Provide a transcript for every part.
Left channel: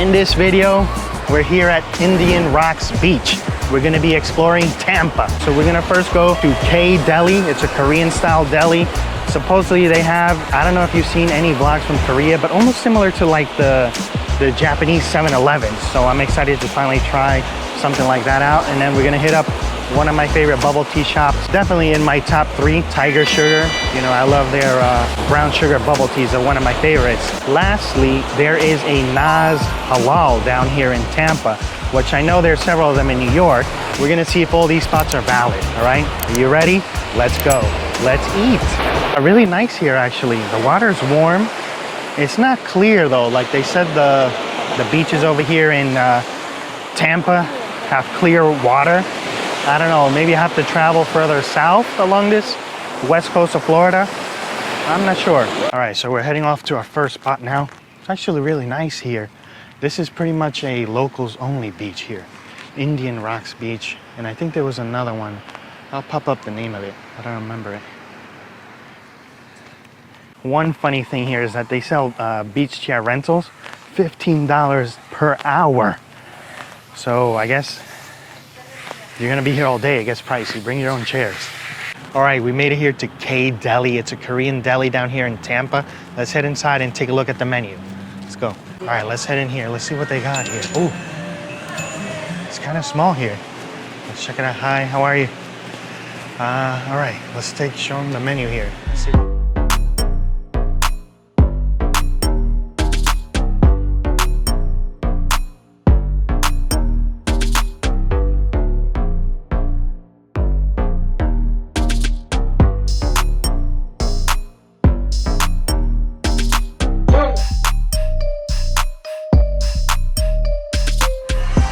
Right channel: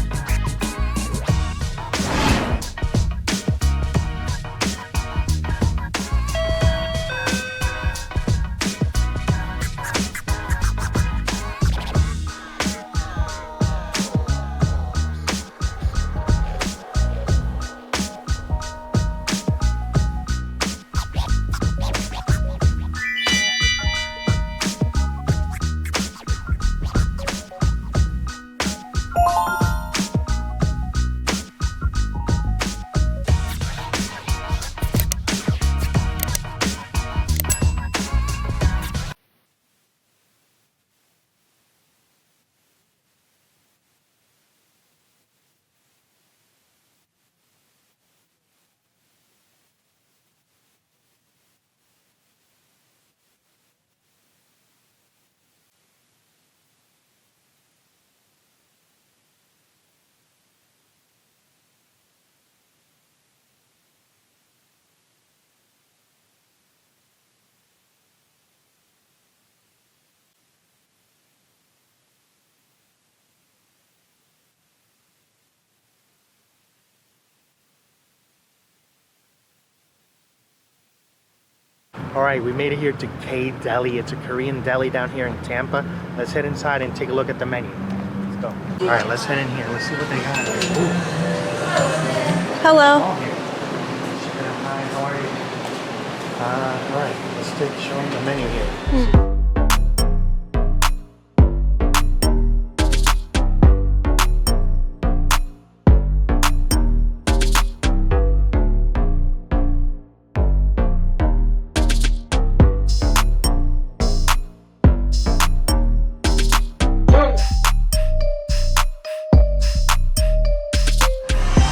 In this video, we're here at Indian Rocks Beach. We're gonna be exploring Tampa. So we're gonna first go to K-Deli. It's a Korean style deli. Supposedly they have, I don't know if you've seen any vlogs from Korea, but almost similar to like the Japanese 7-Eleven. So I'm excited to finally try something like that out. And then we're gonna hit up one of my favorite bubble tea shops. Definitely in my top 3, Tiger Sugar. You know, I love their brown sugar bubble teas. They're one of my favorites. Lastly, there is a Naz Halal down here in Tampa, which I know there's several of them in New York. We're gonna see if all these spots are valid, all right? Are you ready? Let's go. Let's eat. Really nice here, actually. The water's warm. It's not clear though. Like they said, the beaches over here in Tampa have clear water. I don't know, maybe I have to travel further south along this west coast of Florida. I'm not sure. All right, so we're heading off to our first spot now. It's actually really nice here. This is pretty much a locals only beach here. Indian Rocks Beach. And I think there was another one. I'll pop up the name of it. I don't remember it. One funny thing here is that they sell beach chair rentals, $15 per hour. So I guess you're gonna be here all day. It gets pricey. Bring your own chairs. All right, we made it here to K-Deli. It's a Korean deli down here in Tampa. Let's head inside and take a look at the menu. Let's go. All right, let's head in here. Let's see what they got here. Ooh. It's kind of small here. Let's check it out. Hi, how are you? All right, let's show them the menu here.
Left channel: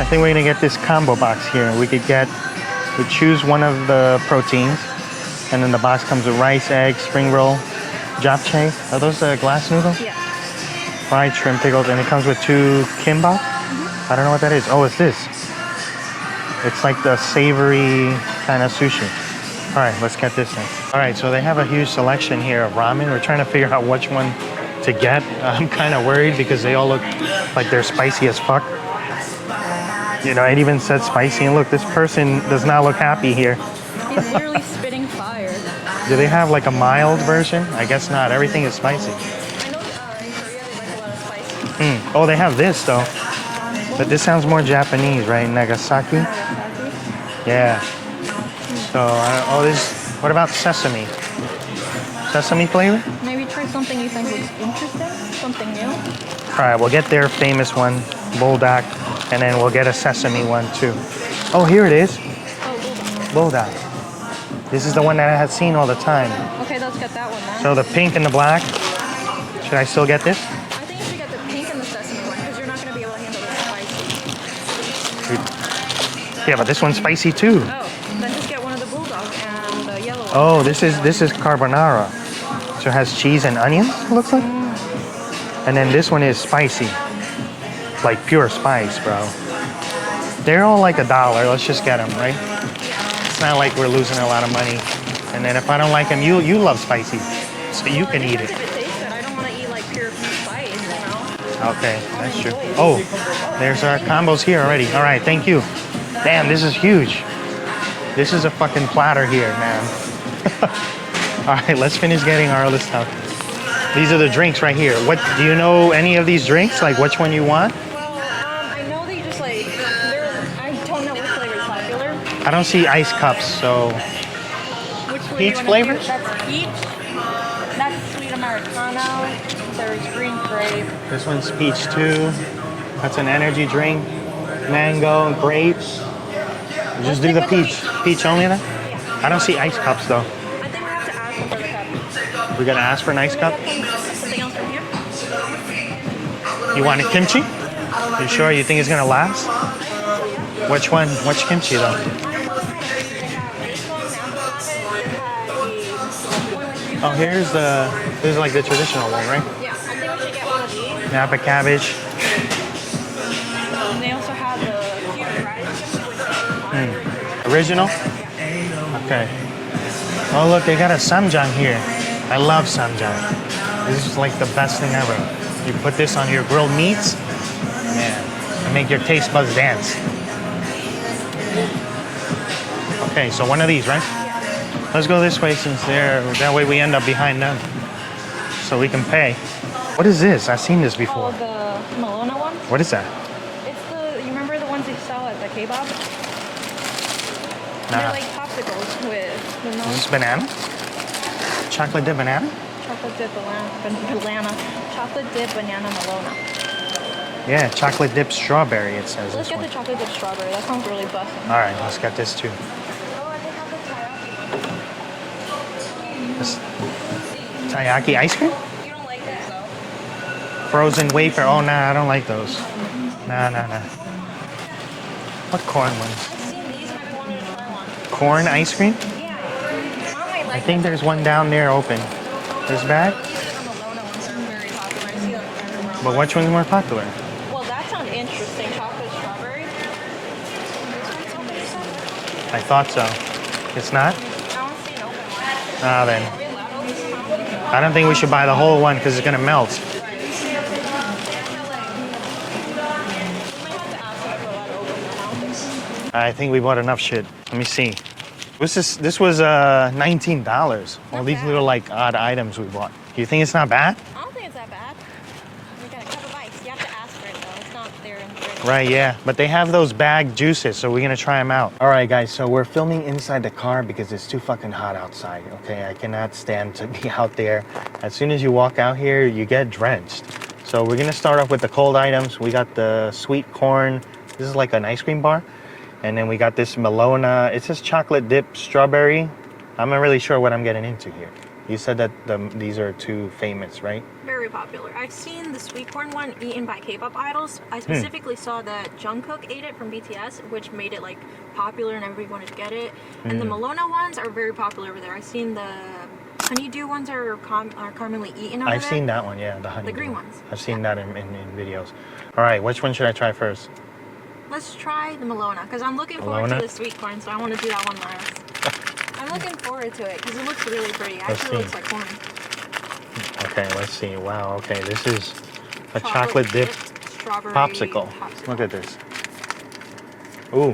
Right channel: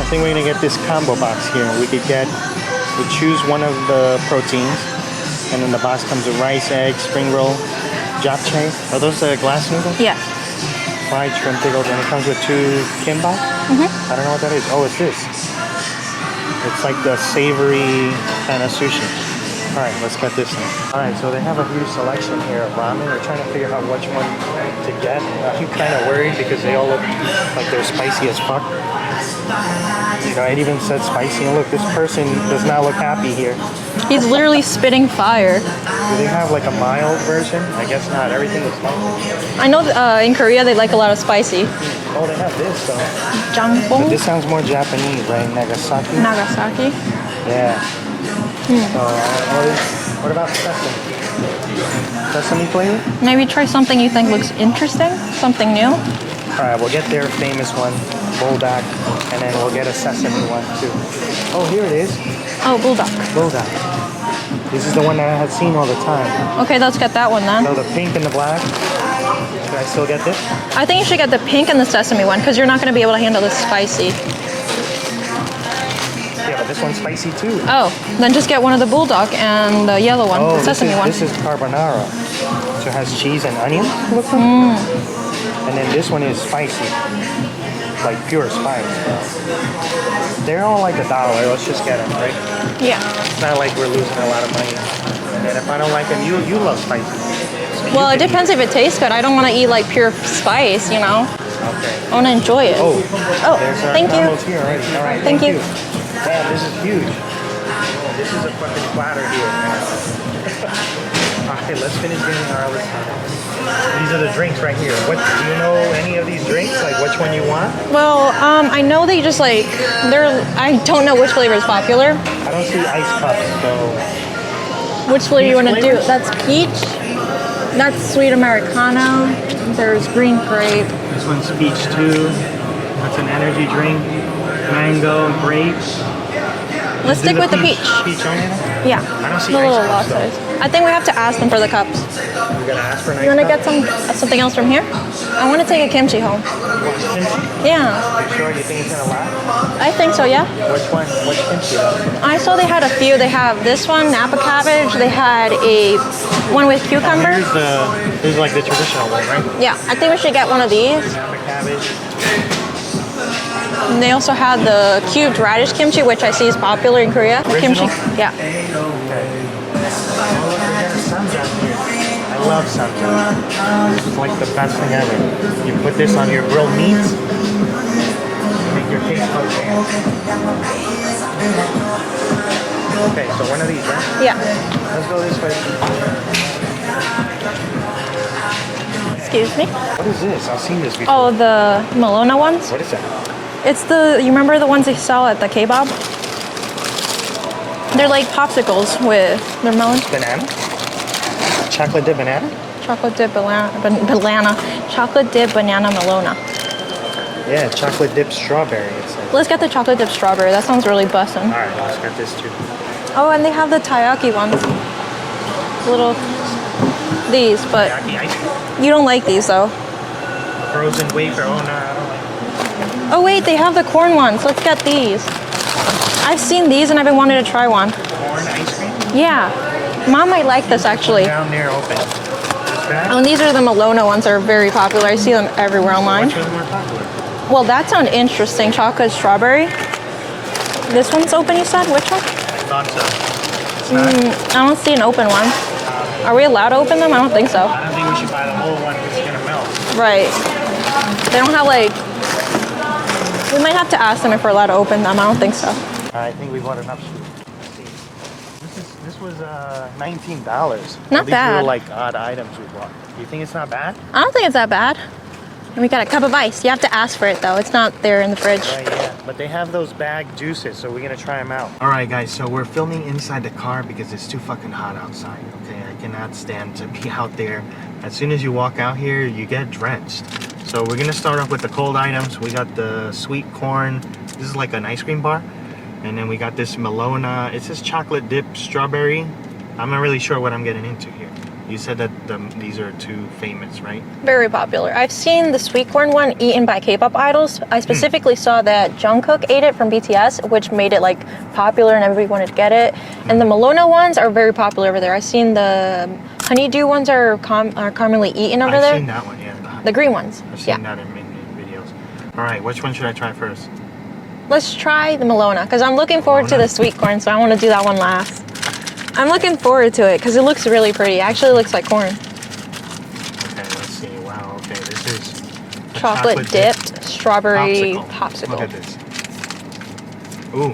I think we're gonna get this combo box here. We choose one of the proteins, and then the box comes with rice, egg, spring roll, japchae. Are those glass noodles? Yeah. Fried shrimp pickles, and it comes with 2 kimbap. I don't know what that is. Oh, it's this. It's like the savory kind of sushi. All right, let's get this in. All right, so they have a huge selection here of ramen. We're trying to figure out which one to get. I'm kind of worried because they all look like they're spicy as fuck. You know, it even said spicy, and look, this person does not look happy here. He's literally spitting fire. Do they have like a mild version? I guess not. Everything is spicy. I know in Korea they like a lot of spicy. Oh, they have this though. Jangpong? This sounds more Japanese, right? Nagasaki? Nagasaki? Yeah. What about sesame? Sesame flavor? Maybe try something you think looks interesting, something new. All right, we'll get their famous one, bulldog, and then we'll get a sesame one too. Oh, here it is. Oh, bulldog. Bulldog. This is the one that I had seen all the time. Okay, let's get that one then. So the pink and the black. Should I still get this? I think you should get the pink and the sesame one because you're not going to be able to handle the spicy. Yeah, but this one's spicy too. Oh, then just get one of the bulldog and the yellow one, Oh, the sesame one. This is carbonara. So it has cheese and onion, looks like. And then this one is spicy. Like pure spice, bro. They're all like $1. Let's just get them, right? Yeah. It's not like we're losing a lot of money. And then if I don't like them, you love spicy. So Well, it depends if it tastes good. I don't want to eat like pure spice, you know? Okay. I want to enjoy it. Oh, there's our combos here already. All right, thank you. Damn, this is huge. This is a fucking platter here, man. All right, let's finish getting our list up. These are the drinks right here. What do you know any of these drinks? Like which one you want? Well, I know they just like I don't know which flavor is popular. I don't see ice cups, so. Which flavor you want to do? flavors? That's peach. That's sweet Americano. There's green grape. This one's peach too. That's an energy drink. Mango, grapes. Let's stick with the peach. Peach only enough? Yeah. I don't see The ice little cups raw though. size. I think we have to ask them for the cups. We're gonna ask for an ice You want cup? to get something else from here? I want to take a kimchi home. You want a kimchi? Yeah. You sure you think it's gonna last? I think so, yeah. Which one? Which kimchi though? I saw they had a few. They have this one, Napa cabbage. They had a one with cucumber. This is like the traditional one, right? Yeah, I think we should get one of these. Napa cabbage. And they also had the cubed radish kimchi, which I see is popular in Korea. Original? Kimchi. Yeah. Okay. Oh look, they got a samjang here. I love samjang. This is like the best thing ever. You put this on your grilled meats. make your taste buds dance. Okay, so one of these, right? Yeah. Let's go this way since that way we end up behind them. So we can pay. Excuse me? What is this? I've seen this before. Oh, the Malona ones? What is that? It's you remember the ones they sell at the K-Bab? They're like popsicles with their melon. This banana? Chocolate dip banana? Chocolate dip banana. Chocolate dip banana Malona. Yeah, chocolate dip strawberry. It says. Let's get the chocolate dip strawberry. That sounds really bussin'. All right, let's get this too. Oh, and they have the taiyaki ones. These, but Taiyaki ice cream? you don't like these though. Frozen wafer. Oh no, I don't like those. Oh wait, they have the corn ones. Let's get these. What's corn? I've seen these and I've been wanting to try one. Corn ice cream? Yeah. Mom might like this There's actually. one down there open. Is that? Oh, and these are the Malona ones that are very popular. I see them everywhere online. Which one's more popular? Well, that sounds interesting. Chocolate strawberry. This one's open, you said? Which one? I thought so. It's not? I don't see an open one. Then. Are we allowed to open them? I don't think so. I don't think we should buy the whole one because it's gonna melt. Right. They don't have like... We might have to ask them if we're allowed to open them. I don't think so. I think we bought enough shit. Let me see. This was $19. Not These bad. were like odd items we bought. Do you think it's not bad? I don't think it's that bad. And we got a cup of ice. You have to ask for it though. It's not there in the fridge. Right, yeah. But they have those bagged juices, so we're gonna try them out. All right, guys, so we're filming inside the car because it's too fucking hot outside, okay? I cannot stand to be out there. As soon as you walk out here, you get drenched. So we're gonna start off with the cold items. We got the sweet corn. This is like an ice cream bar. And then we got this Malona. It says chocolate dip strawberry. I'm not really sure what I'm getting into here. You said that these are too famous, right? Very popular. I've seen the sweet corn one eaten by K-pop idols. I specifically saw that Jungkook ate it from BTS, which made it like popular and everybody wanted to get it. And the Malona ones are very popular over there. I've seen the honeydew ones are commonly eaten over there. I've seen that one, yeah. The green ones. I've seen that in videos. All right, which one should I try first? Let's try the Malona because I'm looking forward to the sweet corn, so I want to do that one last. I'm looking forward to it because it looks really pretty. It actually looks like corn. Okay, let's see. Wow, okay, this is a chocolate dipped strawberry popsicle. Look at this. Ooh,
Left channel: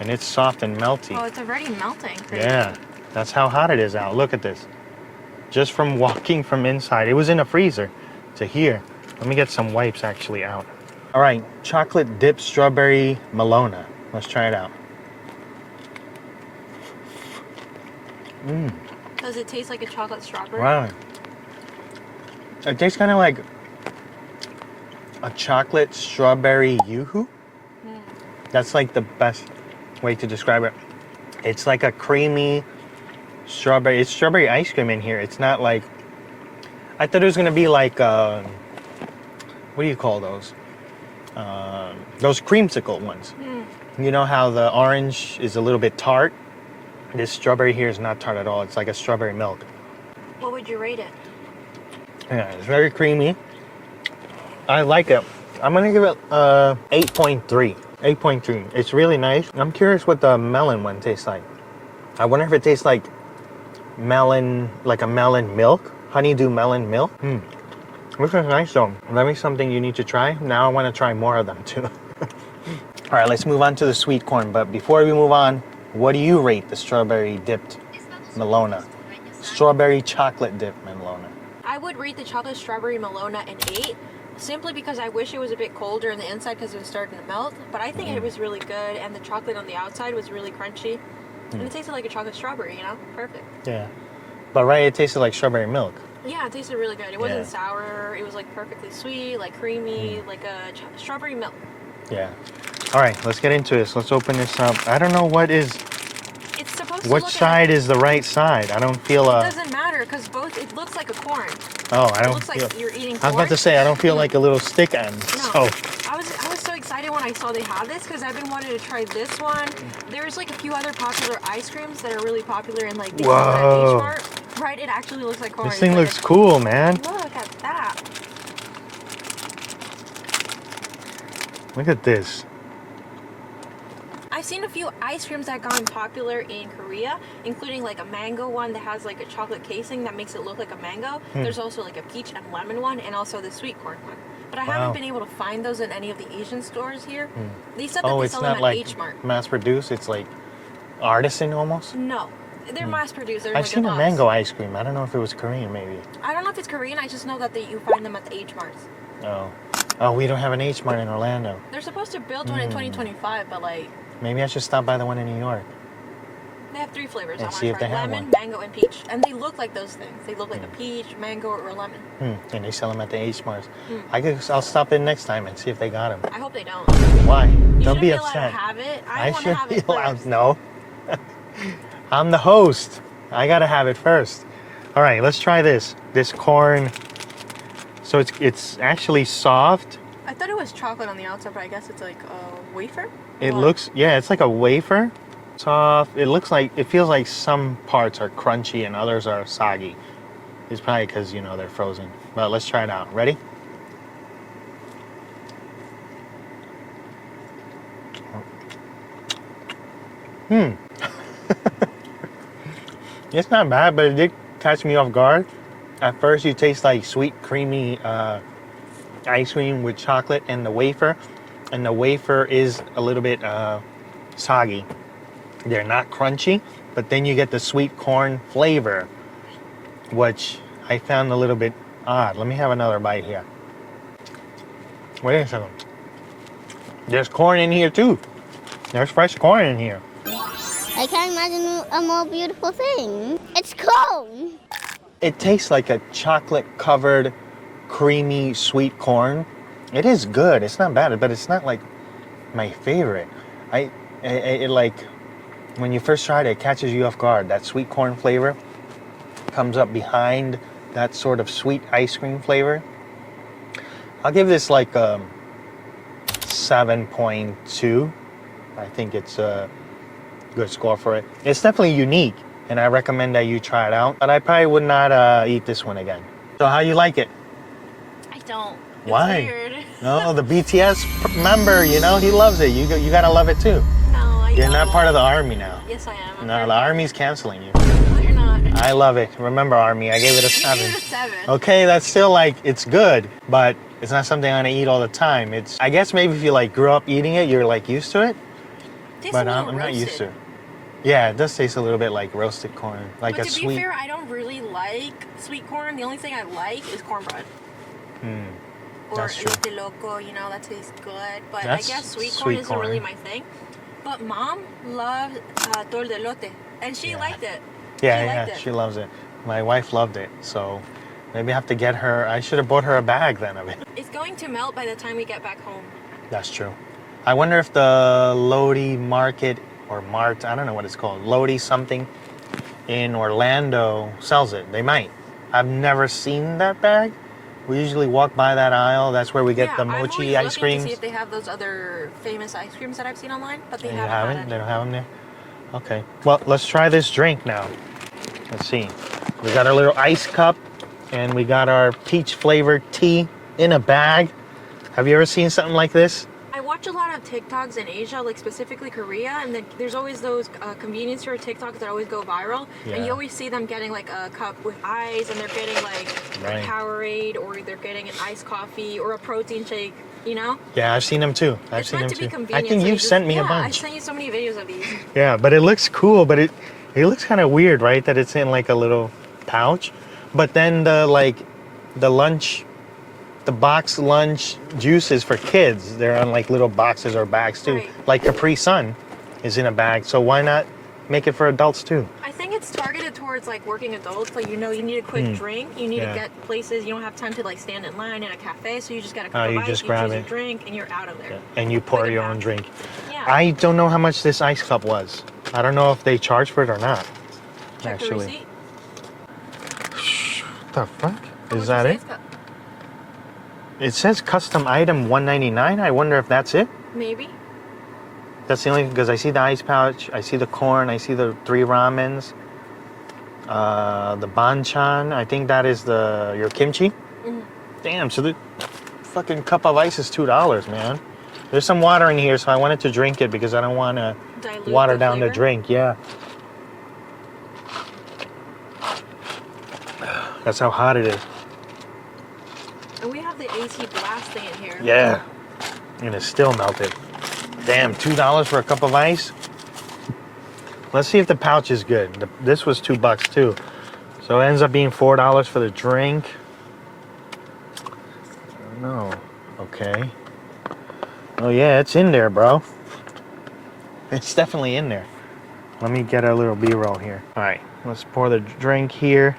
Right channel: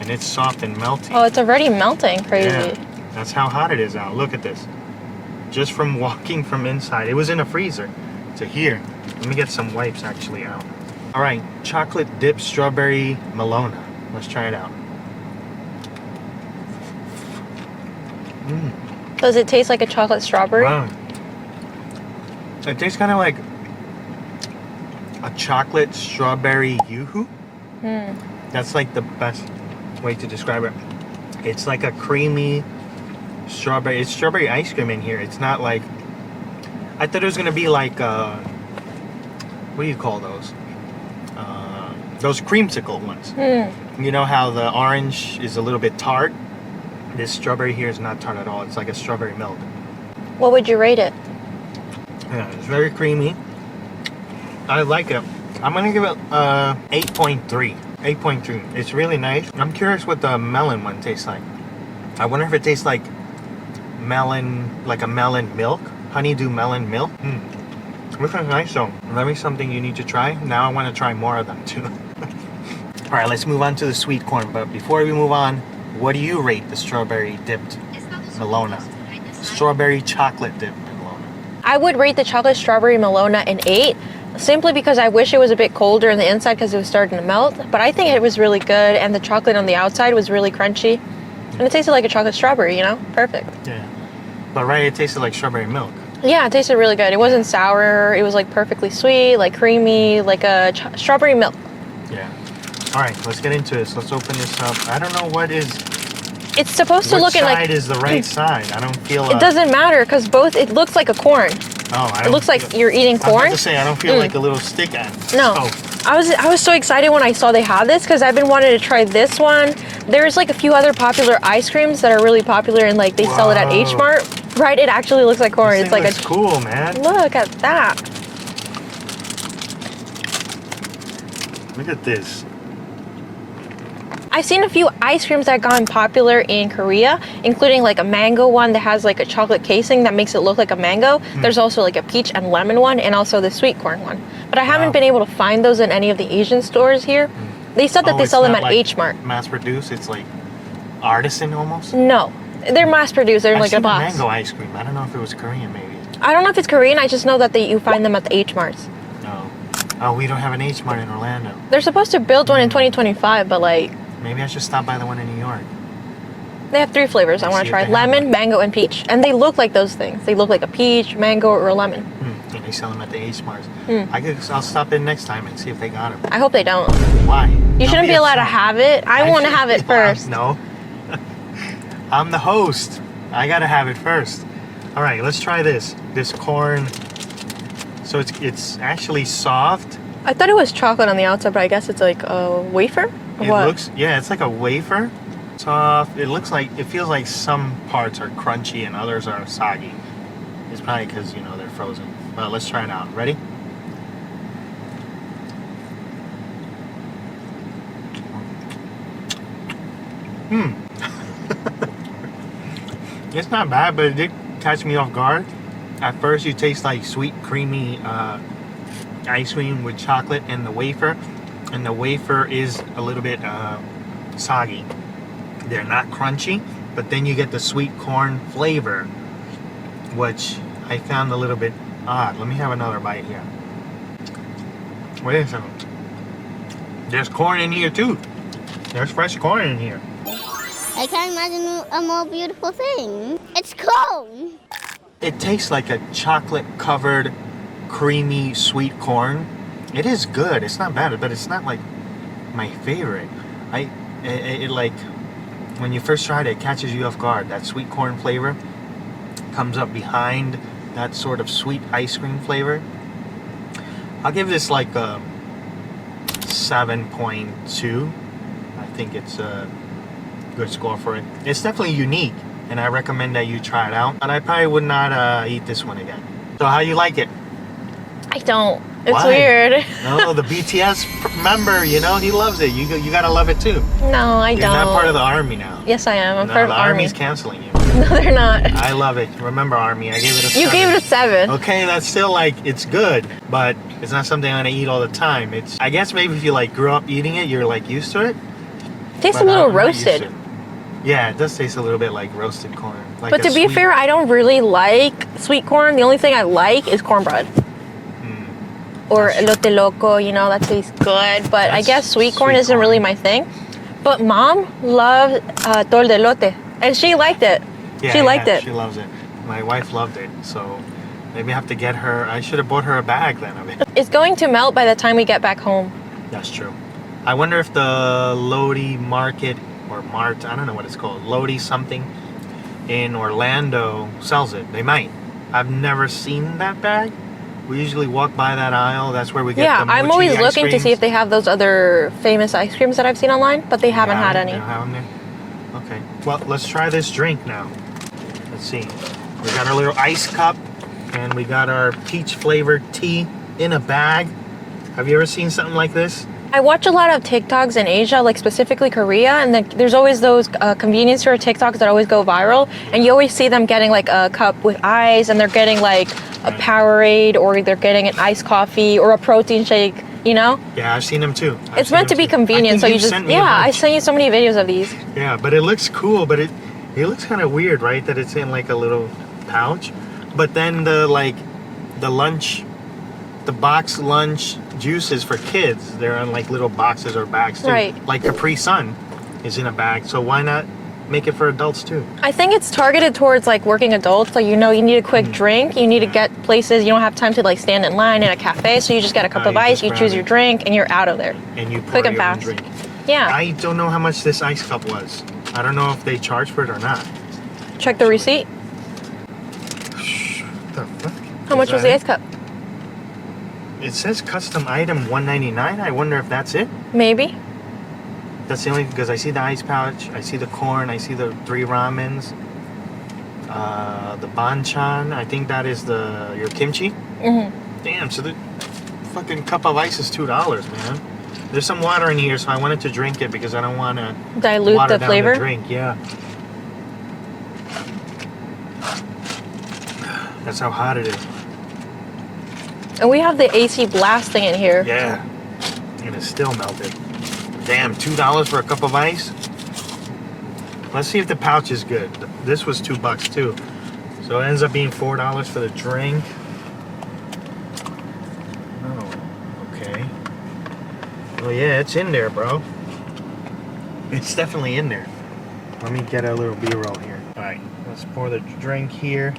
and it's soft and melty. Oh, it's already melting. Crazy. Yeah, that's how hot it is out. Look at this. Just from walking from inside. It was in a freezer to here. Let me get some wipes actually out. All right, chocolate dipped strawberry Malona. Let's try it out. Does it taste like a chocolate strawberry? Wow. It tastes kind of like a chocolate strawberry yoo-hoo. That's like the best way to describe it. It's like a creamy strawberry. It's strawberry ice cream in here. It's not like... I thought it was going to be like... what do you call those? Those creamsicle ones. You know how the orange is a little bit tart? This strawberry here is not tart at all. It's like a strawberry milk. What would you rate it? Yeah, it's very creamy. I like it. I'm gonna give it 8.3. 8.3. It's really nice. I'm curious what the melon one tastes like. I wonder if it tastes like melon, like a melon milk, honeydew melon milk. This is nice though. Maybe something you need to try. Now I want to try more of them too. All right, let's move on to the sweet corn. But before we move on, what do you rate the strawberry dipped Malona? Strawberry chocolate dipped Malona. I would rate the chocolate strawberry Malona an 8, simply because I wish it was a bit colder on the inside because it was starting to melt. But I think it was really good, and the chocolate on the outside was really crunchy. And it tasted like a chocolate strawberry, you know? Perfect. Yeah. But right, it tasted like strawberry milk. Yeah, it tasted really good. It wasn't sour. It was like perfectly sweet, like creamy, like a strawberry milk. Yeah. All right, let's get into this. Let's open this up. I don't know what is... It's supposed to look Which at like... side is the right side? I don't feel... It doesn't matter because both... It looks like a corn. Oh, I don't It looks like you're eating corn. I was about to say, I don't feel like a little stick end. No. Oh. I was so excited when I saw they had this because I've been wanting to try this one. There's like a few other popular ice creams that are really popular and like they sell it at H Mart. Right, it actually looks like corn. This thing it's like looks cool, man. Look at that. Look at this. I've seen a few ice creams that have gotten popular in Korea, including like a mango one that has like a chocolate casing that makes it look like a mango. There's also like a peach and lemon one and also the sweet corn one. But I haven't been able to find those in any of the Asian stores here. They said that they it's sell them not at like H Mart. Mass produced. It's like artisan almost. No, they're mass produced. They're in I've like seen a the box. mango ice cream. I don't know if it was Korean, maybe. I don't know if it's Korean. I just know that you find them at the H Marts. No. Oh, we don't have an H Mart in Orlando. They're supposed to build one in 2025, but like Maybe I should stop by the one in New York. they have 3 flavors I Let's want see to if try: they have lemon, one. mango, and peach. And they look like those things. They look like a peach, mango, or a lemon. And they sell them at the H Marts. I'll stop in next time and see if they got them. I hope they don't. Why? You shouldn't be allowed to upset. have it. I want to have it first. No. I'm the host. I gotta have it first. All right, let's try this. This corn. So it's actually soft. I thought it was chocolate on the outside, but I guess it's like a wafer. Or It what? looks, yeah, it's like a wafer. Soft. It feels like some parts are crunchy and others are soggy. It's probably because, they're frozen. Well, let's try it out. Ready? It's not bad, but it did catch me off guard. At first, you taste like sweet, creamy ice cream with chocolate and the wafer. And the wafer is a little bit soggy. They're not crunchy, but then you get the sweet corn flavor, which I found a little bit odd. Let me have another bite here. Wait a second. There's corn in here too. There's fresh corn in here. I can't imagine a more beautiful thing. It's corn. It tastes like a chocolate-covered, creamy, sweet corn. It is good. It's not bad, but it's not like my favorite. It like when you first try it catches you off guard. That sweet corn flavor comes up behind that sort of sweet ice cream flavor. I'll give this like a 7.2. I think it's a good score for it. It's definitely unique, and I recommend that you try it out. But I probably would not eat this one again. So how you like it? I don't. It's Why? weird. No, the BTS member, he loves it. You gotta love it too. No, I You're don't. not part of the army now. Yes, I am. I'm No, part of the Army. army's canceling you. No, they're not. I love it. Remember, Army, I gave it a 7. You gave it a 7. Okay, that's still like, it's good, but it's not something I'm gonna eat all the time. I guess maybe if you like grew up eating it, you're like used to it. Tastes but a little I'm not used roasted. to it. Yeah, it does taste a little bit like roasted corn. Like But a to be sweet- fair, I don't really like sweet corn. The only thing I like is cornbread. Or That's true. elote loco, that tastes good. But I That's guess sweet corn sweet isn't really corn. my thing. But mom loved tol de elote, and she liked it. Yeah, she liked yeah, it. She loves it. My wife loved it, so maybe I have to get her. I should have bought her a bag then of it. It's going to melt by the time we get back home. That's true. I wonder if the Lodi Market or Mart, I don't know what it's called, Lodi something in Orlando sells it. They might. I've never seen that bag. We usually walk by that aisle. That's where we get the mochi I'm always ice looking to see creams. if they have those other famous ice creams that I've seen online, but they haven't had any. They don't have them there? Okay. Well, let's try this drink now. Let's see. We got our little ice cup, and we got our peach flavored tea in a bag. Have you ever seen something like this? I watch a lot of TikToks in Asia, like specifically Korea, and there's always those convenience store TikToks that always go viral, and you always see them getting like a cup with ice, and they're getting like a Right. Powerade, or they're getting an iced coffee or a protein shake. Yeah, I've seen them too. It's meant to be convenient, so you just sent me a I bunch. sent you so many videos of these. Yeah, but it looks cool, but it looks kind of weird, right? That it's in like a little pouch. But then the box lunch juices for kids, they're in like little boxes or bags too. Right. Like Capri Sun is in a bag, so why not make it for adults too? I think it's targeted towards like working adults. Like you need a quick drink, you need to Yeah. get places. You don't have time to like stand in line in a cafe, so you just get a cup No, of you ice, just you grab choose it. your drink, and you're out of there. And you pour Quick and your own fast. drink. Yeah. I don't know how much this ice cup was. I don't know if they charge for it or not. Check the actually. receipt. What the fuck? How much was the ice cup? It says custom item $1.99. I wonder if that's it. Maybe. That's the only because I see the ice pouch, I see the corn, I see the 3 ramens, the banchan. I think that is your kimchi. Damn, so the fucking cup of ice is $2, man. There's some water in here, so I wanted to drink it because I don't want to Dilute water the down flavor. the drink. Yeah. That's how hot it is. And we have the AC blasting in here. Yeah. And it's still melted. Damn, $2 for a cup of ice? Let's see if the pouch is good. This was $2 too. So it ends up being $4 for the drink. No, okay. Oh yeah, it's in there, bro. It's definitely in there. Let me get a little B-roll here. All right, let's pour the drink here.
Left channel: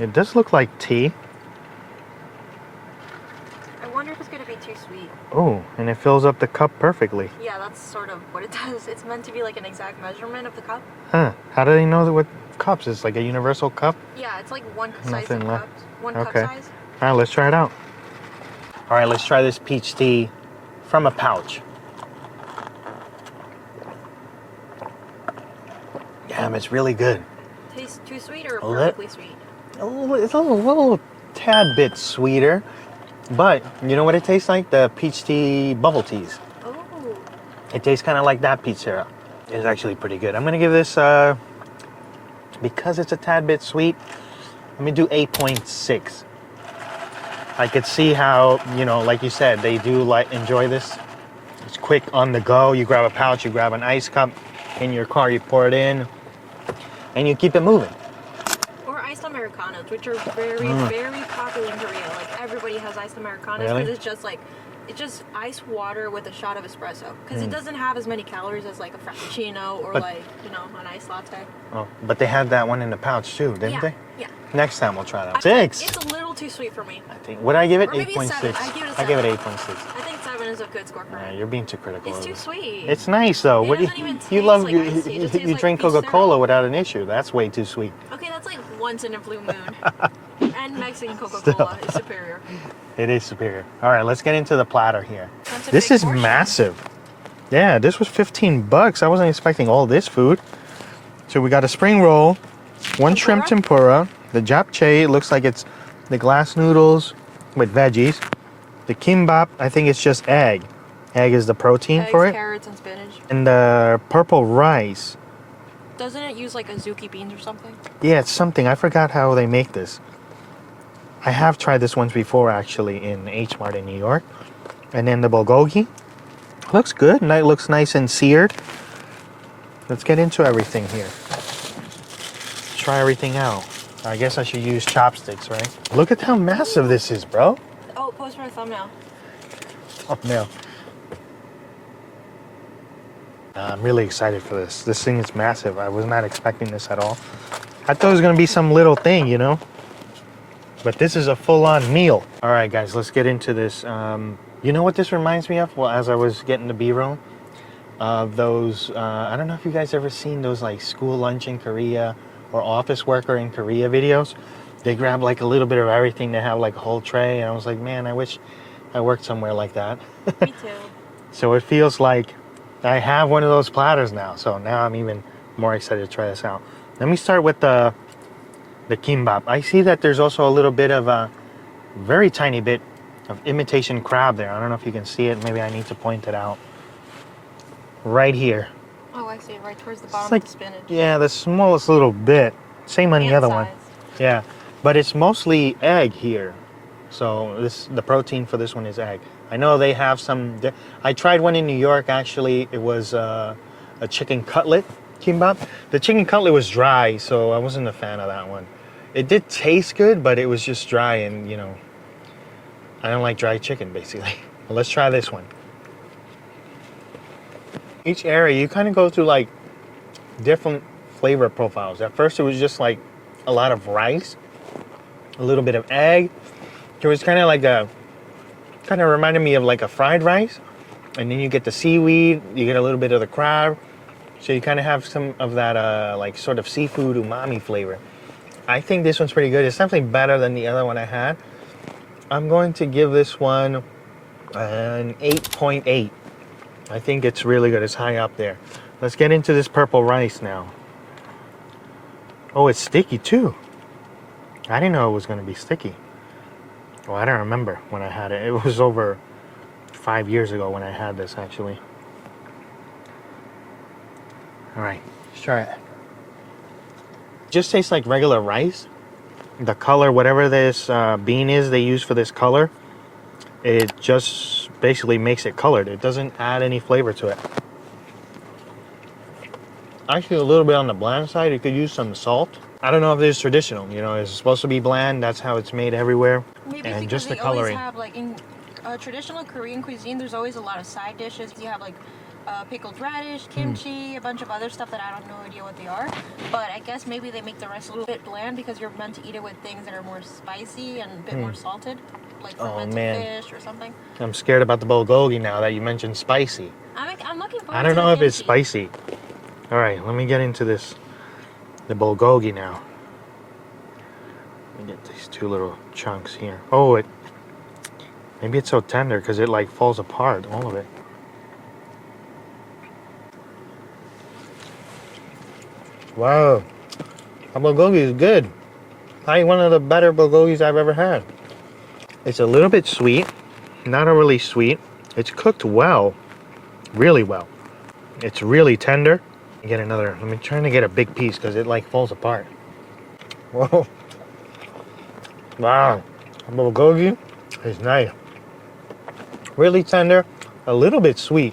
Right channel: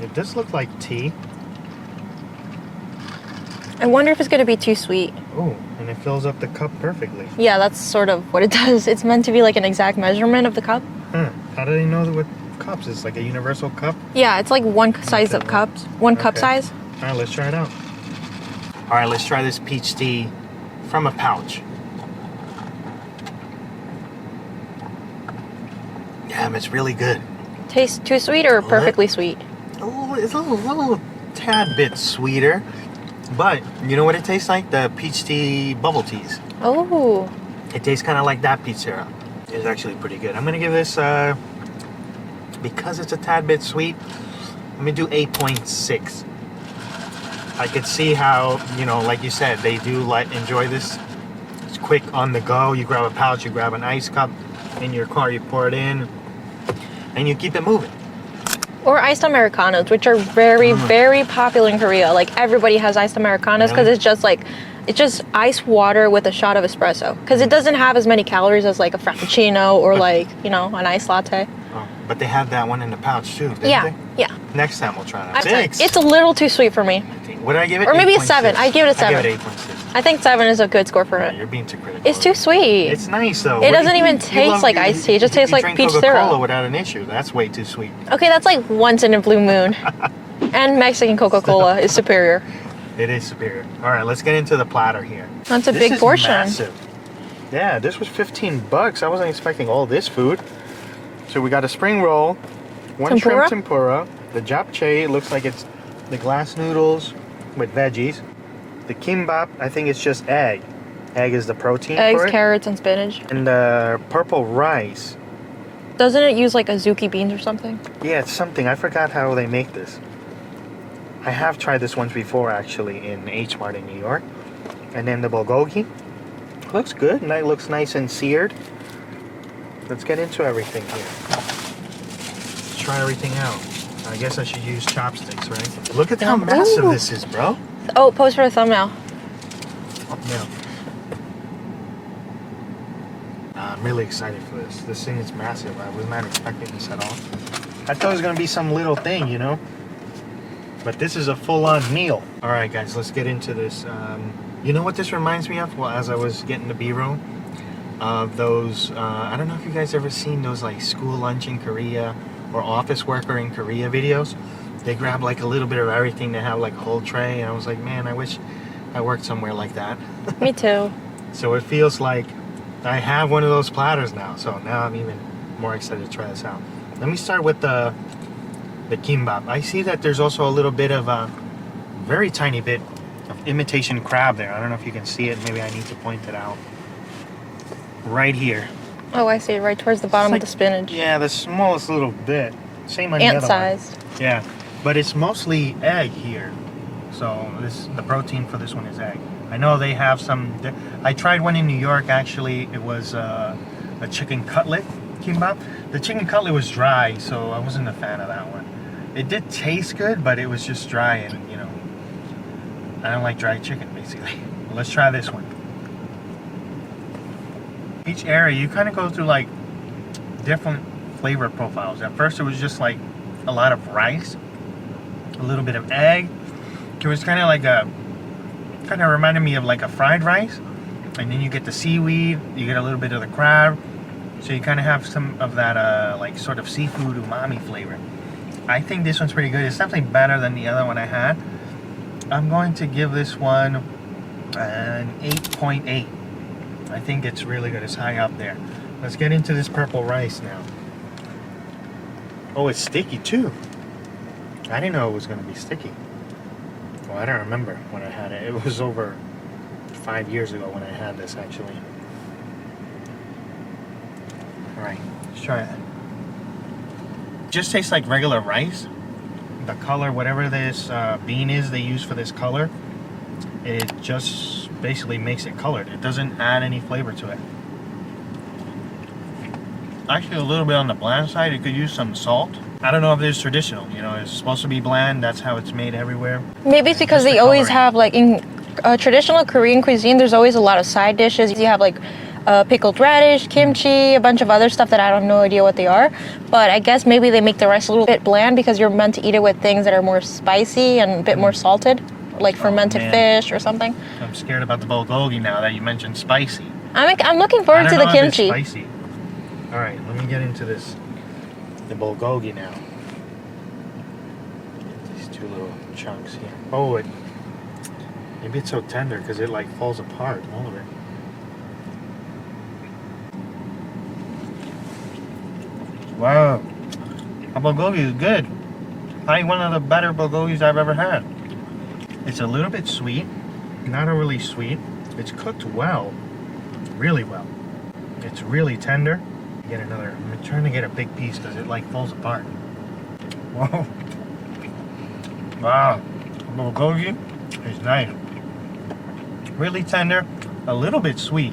It does look like tea. I wonder if it's gonna be too sweet. Oh, and it fills up the cup perfectly. Yeah, that's sort of what it does. It's meant to be like an exact measurement of the cup. Huh, how do they know what cups? It's like a universal cup? Yeah, it's like one size of cups. One cup Okay. size. All right, let's try it out. All right, let's try this peach tea from a pouch. Damn, it's really good. Tastes too sweet or perfectly sweet? Oh, it's a little tad bit sweeter. But you know what it tastes like? The peach tea bubble teas. Oh. It tastes kind of like that peach syrup. It's actually pretty good. I'm gonna give this, because it's a tad bit sweet, let me do 8.6. I could see how, you know, like you said, they do like enjoy this. It's quick on the go. You grab a pouch, you grab an ice cup in your car, you pour it in, and you keep it moving. Or iced Americanos, which are very, very popular in Korea. Like everybody has iced Americanos because Really? it's just ice water with a shot of espresso. Because it doesn't have as many calories as like a Frappuccino or like, you know, an iced latte. Oh, but they had that one in the pouch too, didn't Yeah, they? yeah. Next time we'll try that. It's a little too sweet for me. What did I give it? Or maybe a 8.6. 7. I give it a 7. I give it 8.6. I think 7 is a good score for Yeah, it. you're being too critical. It's too sweet. It's nice though. It doesn't even taste like iced tea. It just tastes like drink peach Coca-Cola syrup. without an issue. That's way too sweet. Okay, that's like once in a blue moon. And Mexican Coca-Cola is superior. It is superior. All right, let's get into the platter here. That's a This big is portion. massive. Yeah, this was $15. I wasn't expecting all this food. So we got a spring roll, one shrimp tempura, the japchae, it looks like it's the glass noodles with veggies. The kimbap, I think it's just egg. Egg is the protein Eggs, for it. carrots, and spinach. And the purple rice. Doesn't it use like azuki beans or something? Yeah, it's something. I forgot how they make this. I have tried this once before actually in H Mart in New York. And then the bulgogi. Looks good. It looks nice and seared. Let's get into everything here. Let's try everything out. I guess I should use chopsticks, right? Look at how massive this is, bro. Oh, pose for a thumbnail. Thumbnail. I'm really excited for this. This thing is massive. I was not expecting this at all. I thought it was gonna be some little thing, you know? But this is a full-on meal. All right, guys, let's get into this. You know what this reminds me of? Well, as I was getting the B-roll, of those, I don't know if you guys ever seen those like school lunch in Korea or office worker in Korea videos. They grab like a little bit of everything to have like a whole tray. And I was like, man, I wish I worked somewhere like that. Me too. So it feels like I have one of those platters now. So now I'm even more excited to try this out. Let me start with the kimbap. I see that there's also a little bit of a very tiny bit of imitation crab there. I don't know if you can see it. Maybe I need to point it out. Right here. Oh, I see it right towards the bottom Like- of the spinach. Yeah, the smallest little bit. Same on the other Ant-sized. one. Yeah, but it's mostly egg here. So the protein for this one is egg. I know they have some. I tried one in New York actually. It was a chicken cutlet kimbap. The chicken cutlet was dry, so I wasn't a fan of that one. It did taste good, but it was just dry, and you know, I don't like dry chicken basically. But let's try this one. Each area you kind of go through like different flavor profiles. At first it was just like a lot of rice, a little bit of egg. It was kind of like kind of reminded me of like a fried rice. And then you get the seaweed, you get a little bit of the crab. So you kind of have some of that like sort of seafood umami flavor. I think this one's pretty good. It's definitely better than the other one I had. I'm going to give this one an 8.8. I think it's really good. It's high up there. Let's get into this purple rice now. Oh, it's sticky too. I didn't know it was going to be sticky. Well, I don't remember when I had it. It was over 5 years ago when I had this, actually. All right, let's try it. Just tastes like regular rice. The color, whatever this bean is they use for this color, it just basically makes it colored. It doesn't add any flavor to it. Actually, a little bit on the bland side. It could use some salt. I don't know if it's traditional. You know, it's supposed to be bland. That's how it's made everywhere. Maybe it's And because just they the always coloring. have like in traditional Korean cuisine. There's always a lot of side dishes. You have like pickled radish, kimchi, a bunch of other stuff that I don't know idea what they are. But I guess maybe they make the rice a little bit bland because you're meant to eat it with things that are more spicy and a bit more salted, like fermented man. fish or something. I'm scared about the bulgogi now that you mentioned spicy. I'm looking I forward don't to know the if it's kimchi. spicy. All right, let me get into this. The bulgogi now. Get these two little chunks here. Oh, maybe it's so tender because it like falls apart, all of it. Wow, the bulgogi is good. Probably one of the better bulgogis I've ever had. It's a little bit sweet, not overly sweet. It's cooked well, really well. It's really tender. Get another. I'm trying to get a big piece because it like falls apart. Whoa! Wow, bulgogi is nice. Really tender, a little bit sweet.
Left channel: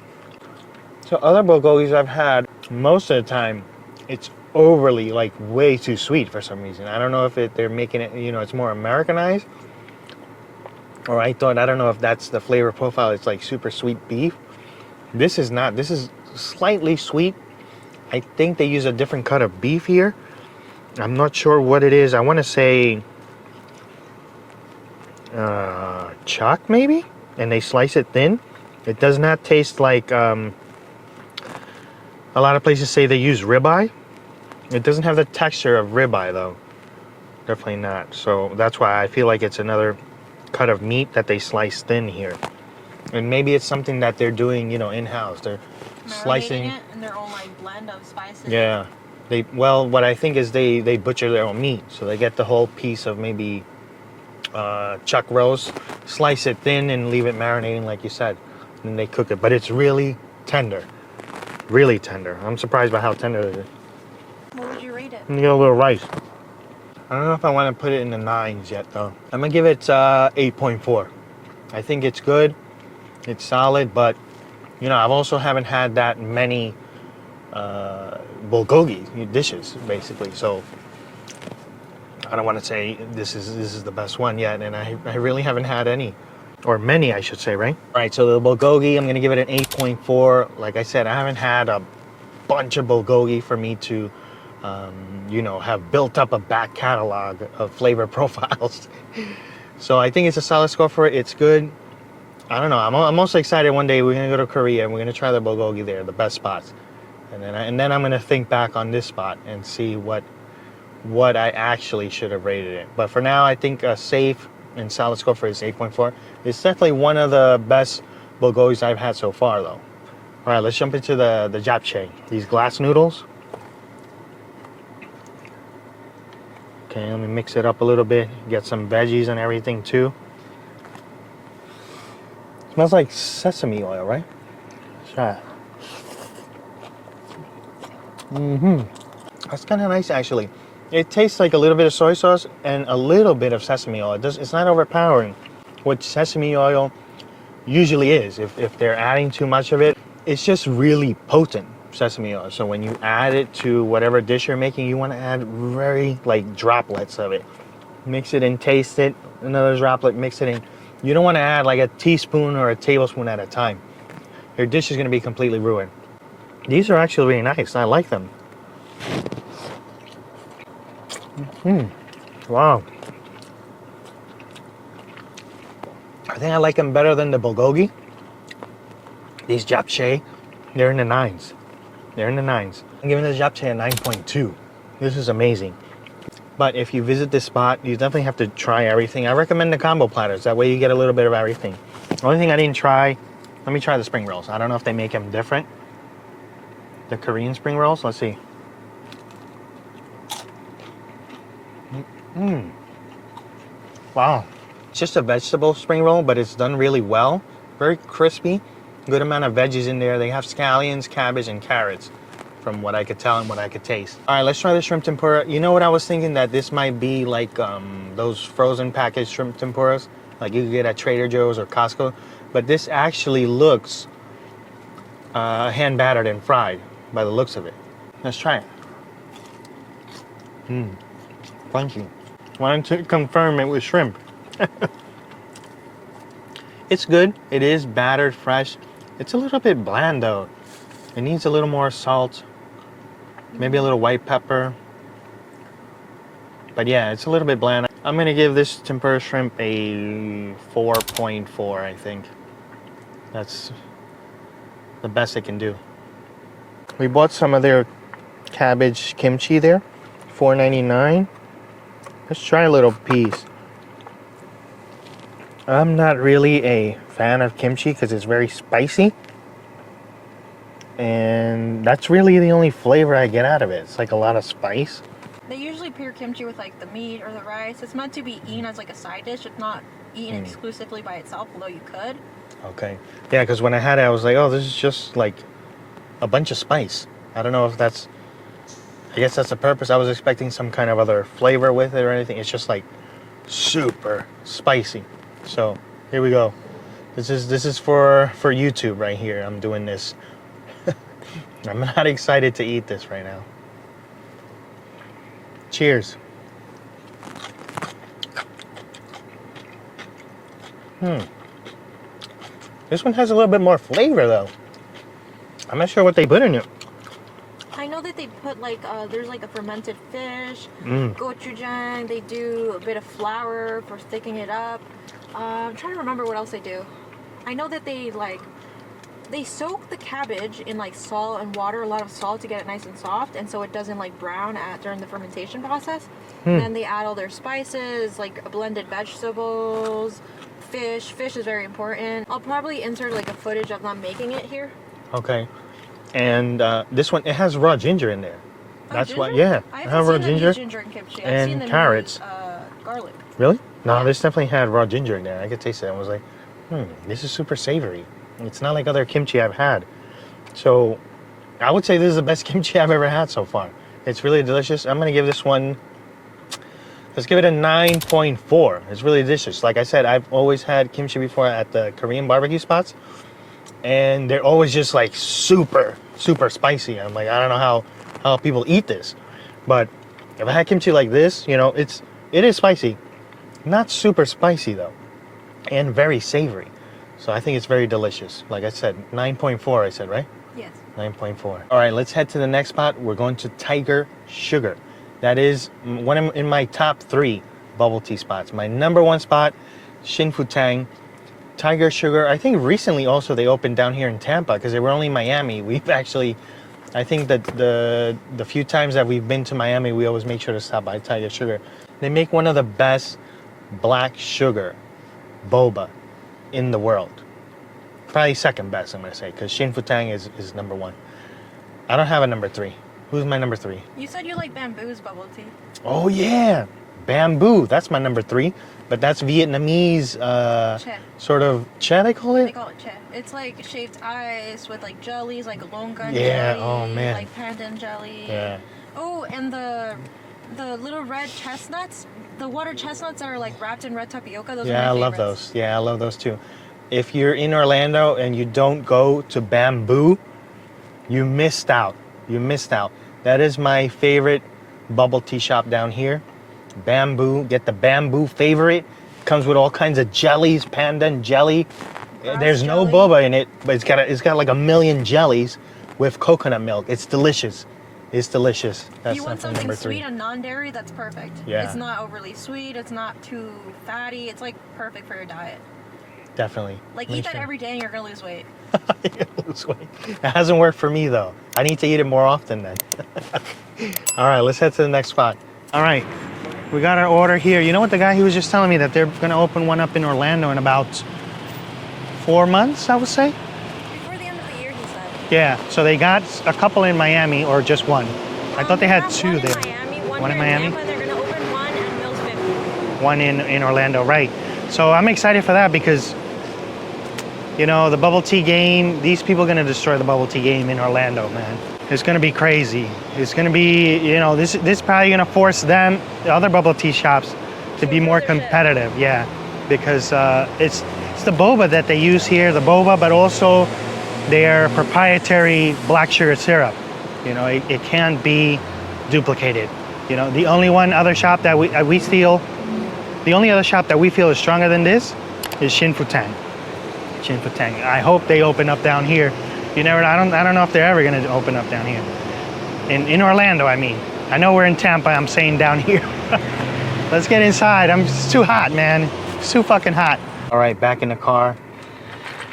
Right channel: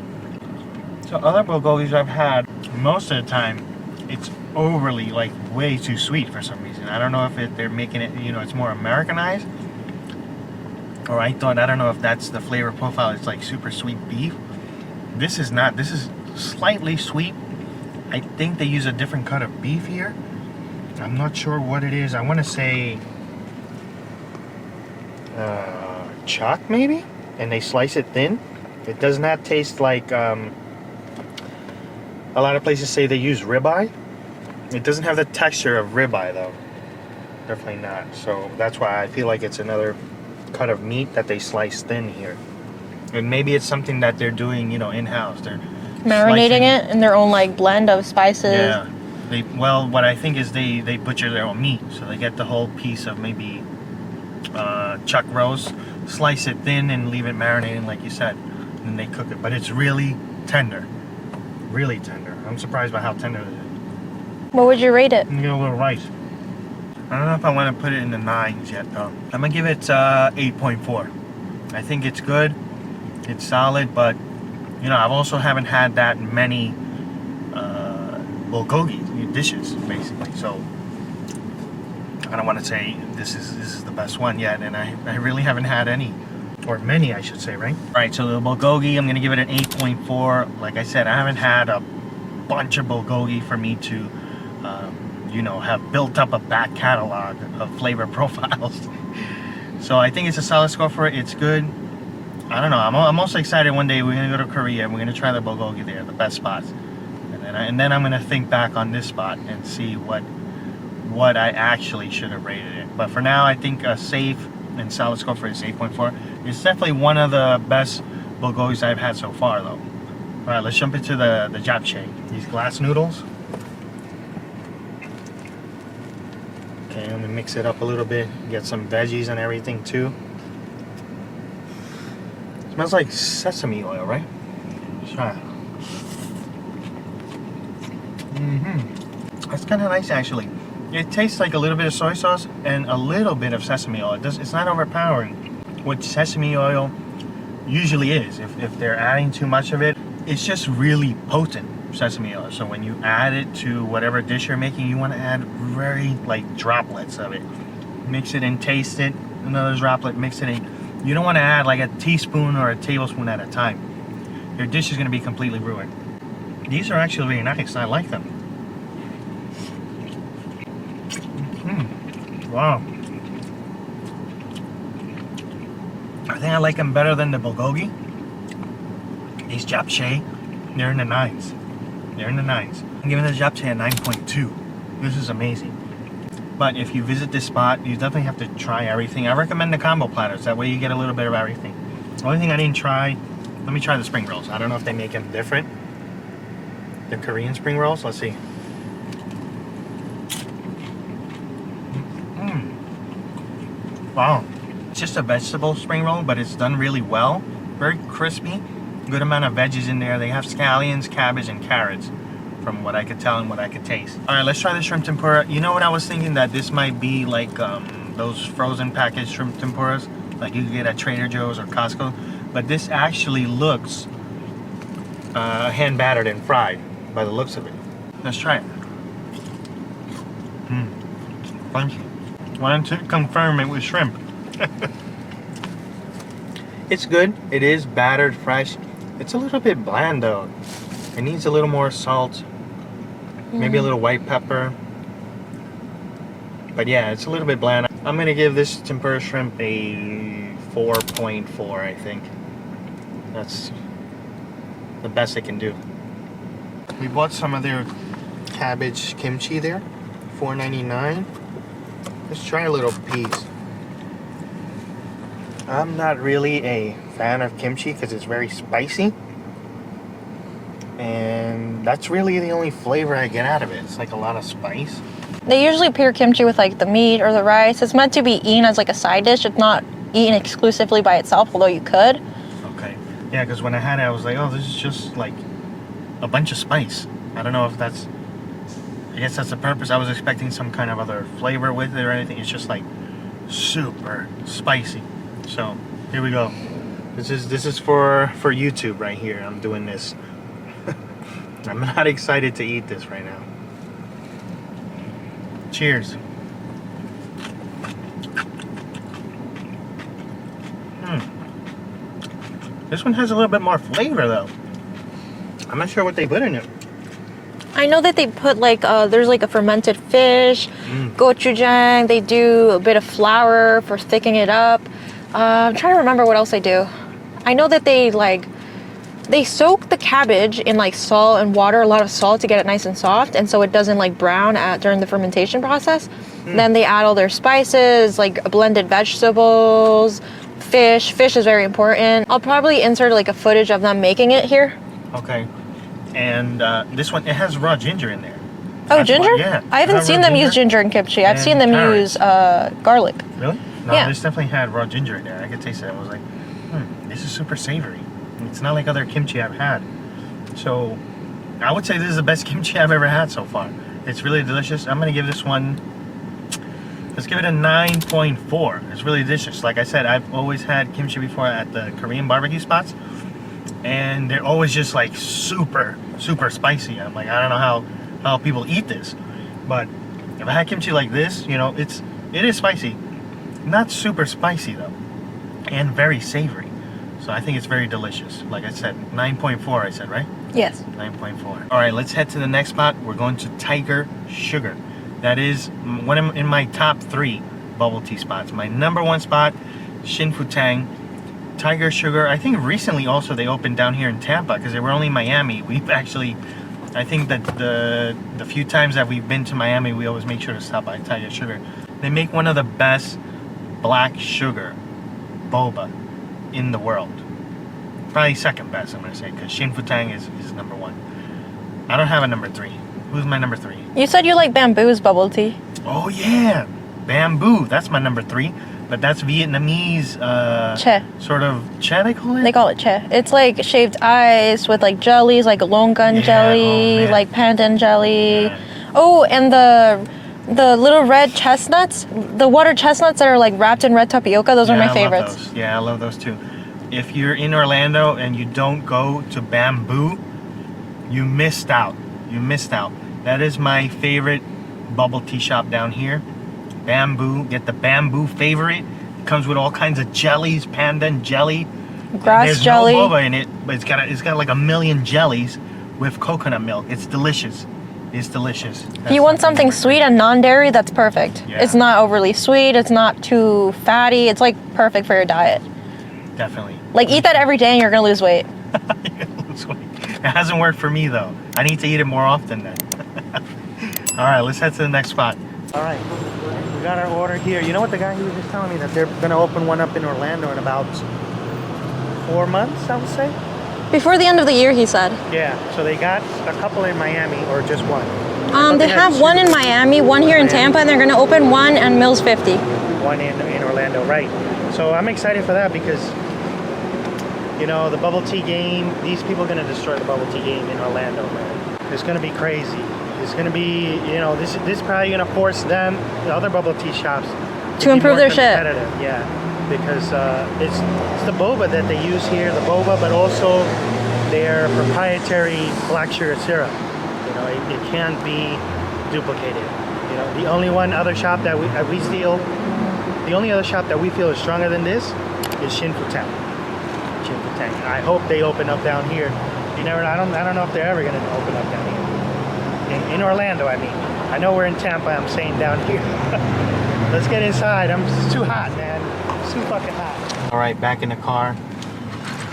So other bulgogis I've had, most of the time, it's overly like way too sweet for some reason. I don't know if they're making it. You know, it's more Americanized. Or I don't know if that's the flavor profile. It's like super sweet beef. This is not. This is slightly sweet. I think they use a different cut of beef here. I'm not sure what it is. I want to say chuck maybe, and they slice it thin. It does not taste like a lot of places say they use ribeye. It doesn't have the texture of ribeye though. Definitely not. So that's why I feel like it's another cut of meat that they slice thin here. And maybe it's something that they're doing, you know, in-house. They're Marinating slicing it in their own like blend of spices. Yeah. What I think is they butcher their own meat. So they get the whole piece of maybe chuck roast, slice it thin and leave it marinating like you said. And they cook it. But it's really tender. Really tender. I'm surprised by how tender it is. What would you rate it? And you get a little rice. I don't know if I want to put it in the 9s yet though. I'm going to give it 8.4. I think it's good. It's solid, but you know, I've also haven't had that many bulgogi dishes, basically. So I don't want to say this is the best one yet, and I really haven't had any, or many, I should say, right? All right, so the bulgogi, I'm gonna give it an 8.4. Like I said, I haven't had a bunch of bulgogi for me to, you know, have built up a back catalog of flavor profiles. So I think it's a solid score for it. It's good. I don't know. I'm also excited. One day we're gonna go to Korea and we're gonna try the bulgogi there, the best spots, and then I'm gonna think back on this spot and see what I actually should have rated it. But for now, I think a safe and solid score for it is 8.4. It's definitely one of the best bulgogis I've had so far, though. All right, let's jump into the japchae. These glass noodles. Okay, I'm gonna mix it up a little bit. Get some veggies and everything too. Smells like sesame oil, right? Try it. That's kind of nice, actually. It tastes like a little bit of soy sauce and a little bit of sesame oil. It's not overpowering, what sesame oil usually is. If they're adding too much of it, it's just really potent sesame oil. So when you add it to whatever dish you're making, you want to add very like droplets of it. Mix it and taste it. Another droplet, mix it in. You don't want to add like a teaspoon or a tablespoon at a time. Your dish is going to be completely ruined. These are actually really nice. I like them. Wow. I think I like them better than the bulgogi. These japchae, they're in the 9s. They're in the 9s. I'm giving this japchae a 9.2. This is amazing. But if you visit this spot, you definitely have to try everything. I recommend the combo platters. That way you get a little bit of everything. The only thing I didn't try, let me try the spring rolls. I don't know if they make them different. The Korean spring rolls, let's see. Wow. It's just a vegetable spring roll, but it's done really well. Very crispy. Good amount of veggies in there. They have scallions, cabbage, and carrots, from what I could tell and what I could taste. All right, let's try the shrimp tempura. You know what I was thinking? That this might be like those frozen packaged shrimp tempuras, like you could get at Trader Joe's or Costco. but this actually looks hand battered and fried by the looks of it. Let's try it. Thank you. Wanted to confirm it with shrimp. It's good. It is battered, fresh. It's a little bit bland though. It needs a little more salt, maybe a little white pepper. But yeah, it's a little bit bland. I'm gonna give this tempura shrimp a 4.4, I think. That's the best I can do. We bought some of their cabbage kimchi there, $4.99. Let's try a little piece. I'm not really a fan of kimchi because it's very spicy. And that's really the only flavor I get out of it. It's like a lot of spice. They usually pair kimchi with like the meat or the rice. It's meant to be eaten as like a side dish. It's not eaten exclusively by itself, although you could. Okay. Yeah, because when I had it, I was like, oh, this is just like a bunch of spice. I don't know if that's, I guess that's the purpose. I was expecting some kind of other flavor with it or anything. It's just like super spicy. So here we go. This is for YouTube right here. I'm doing this. I'm not excited to eat this right now. Cheers. This one has a little bit more flavor though. I'm not sure what they put in it. I know that they put like, there's like a fermented fish, gochujang. They do a bit of flour for thickening it up. I'm trying to remember what else they do. I know that they soak the cabbage in like salt and water, a lot of salt to get it nice and soft, and so it doesn't like brown during the fermentation process. Then they add all their spices, like blended vegetables, fish. Fish is very important. I'll probably insert like a footage of them making it here. Okay. And this one, it has raw ginger in there. Oh, ginger? Yeah. I haven't seen them use ginger in kimchi. I've seen them use garlic. Really? No, Yeah. this definitely had raw ginger in there. I could taste it. I was like, this is super savory. It's not like other kimchi I've had. So I would say this is the best kimchi I've ever had so far. It's really delicious. I'm going to give this one, let's give it a 9.4. It's really delicious. Like I said, I've always had kimchi before at the Korean barbecue spots. And they're always just like super, super spicy. I'm like, I don't know how people eat this. But if I had kimchi like this, you know, it is spicy. Not super spicy though. And very savory. So I think it's very delicious. Like I said, 9.4 I said, right? Yes. 9.4. All right, let's head to the next spot. We're going to Tiger Sugar. That is one in my top 3 bubble tea spots. My number 1 spot, Shin Fu Tang. Tiger Sugar, I think recently also they opened down here in Tampa because they were only in Miami. We've actually, I think that the few times that we've been to Miami, we always make sure to stop by Tiger Sugar. They make one of the best black sugar boba in the world. Probably second best, I'm gonna say, because Shin Fu Tang is number 1. I don't have a number 3. Who's my number 3? You said you like Bamboo's bubble tea. Oh yeah, Bamboo. That's my number 3. But that's Vietnamese, Che. sort of che, they call it? They call it che. It's like shaved ice with like jellies, like longan jelly, like pandan jelly. Yeah. Oh, and the little red chestnuts, the water chestnuts that are like wrapped in red tapioca, those are my favorites. I love those. Yeah, I love those too. If you're in Orlando and you don't go to Bamboo, you missed out. You missed out. That is my favorite bubble tea shop down here. Bamboo. Get the Bamboo favorite. Comes with all kinds of jellies, pandan jelly. Grass jelly. There's no boba in it, but it's got like a million jellies with coconut milk. It's delicious. It's delicious. If you want something sweet and non-dairy, that's perfect. Yeah. It's not overly sweet. It's not too fatty. It's like perfect for your diet. Definitely. Like eat that every day and you're gonna lose weight. Lose weight. It hasn't worked for me though. I need to eat it more often then. All right, let's head to the next spot. All right, we got our order here. You know what, the guy, he was just telling me that they're gonna open one up in Orlando in about 4 months, I would say. Before the end of the year, he said. Yeah, so they got a couple in Miami or just one? They have one in Miami, one here in Tampa, and they're gonna open one in Mills 50. One in Orlando, right. So I'm excited for that because, you know, the bubble tea game, these people are gonna destroy the bubble tea game in Orlando, man. It's gonna be crazy. It's gonna be, you know, this is probably gonna force them, the other bubble tea shops, to be more competitive. Yeah. because it's the boba that they use here, the boba, but also their proprietary black sugar syrup. You know, it can't be duplicated. You know, the only other shop that we steal, the only other shop that we feel is stronger than this is Shrimp Tempura. Shrimp Tempura. I hope they open up down here. You never know. I don't know if they're ever going to open up down here. In Orlando, I mean. I know we're in Tampa. I'm saying down here. Let's get inside. It's too hot, man. It's too fucking hot. All right, back in the car.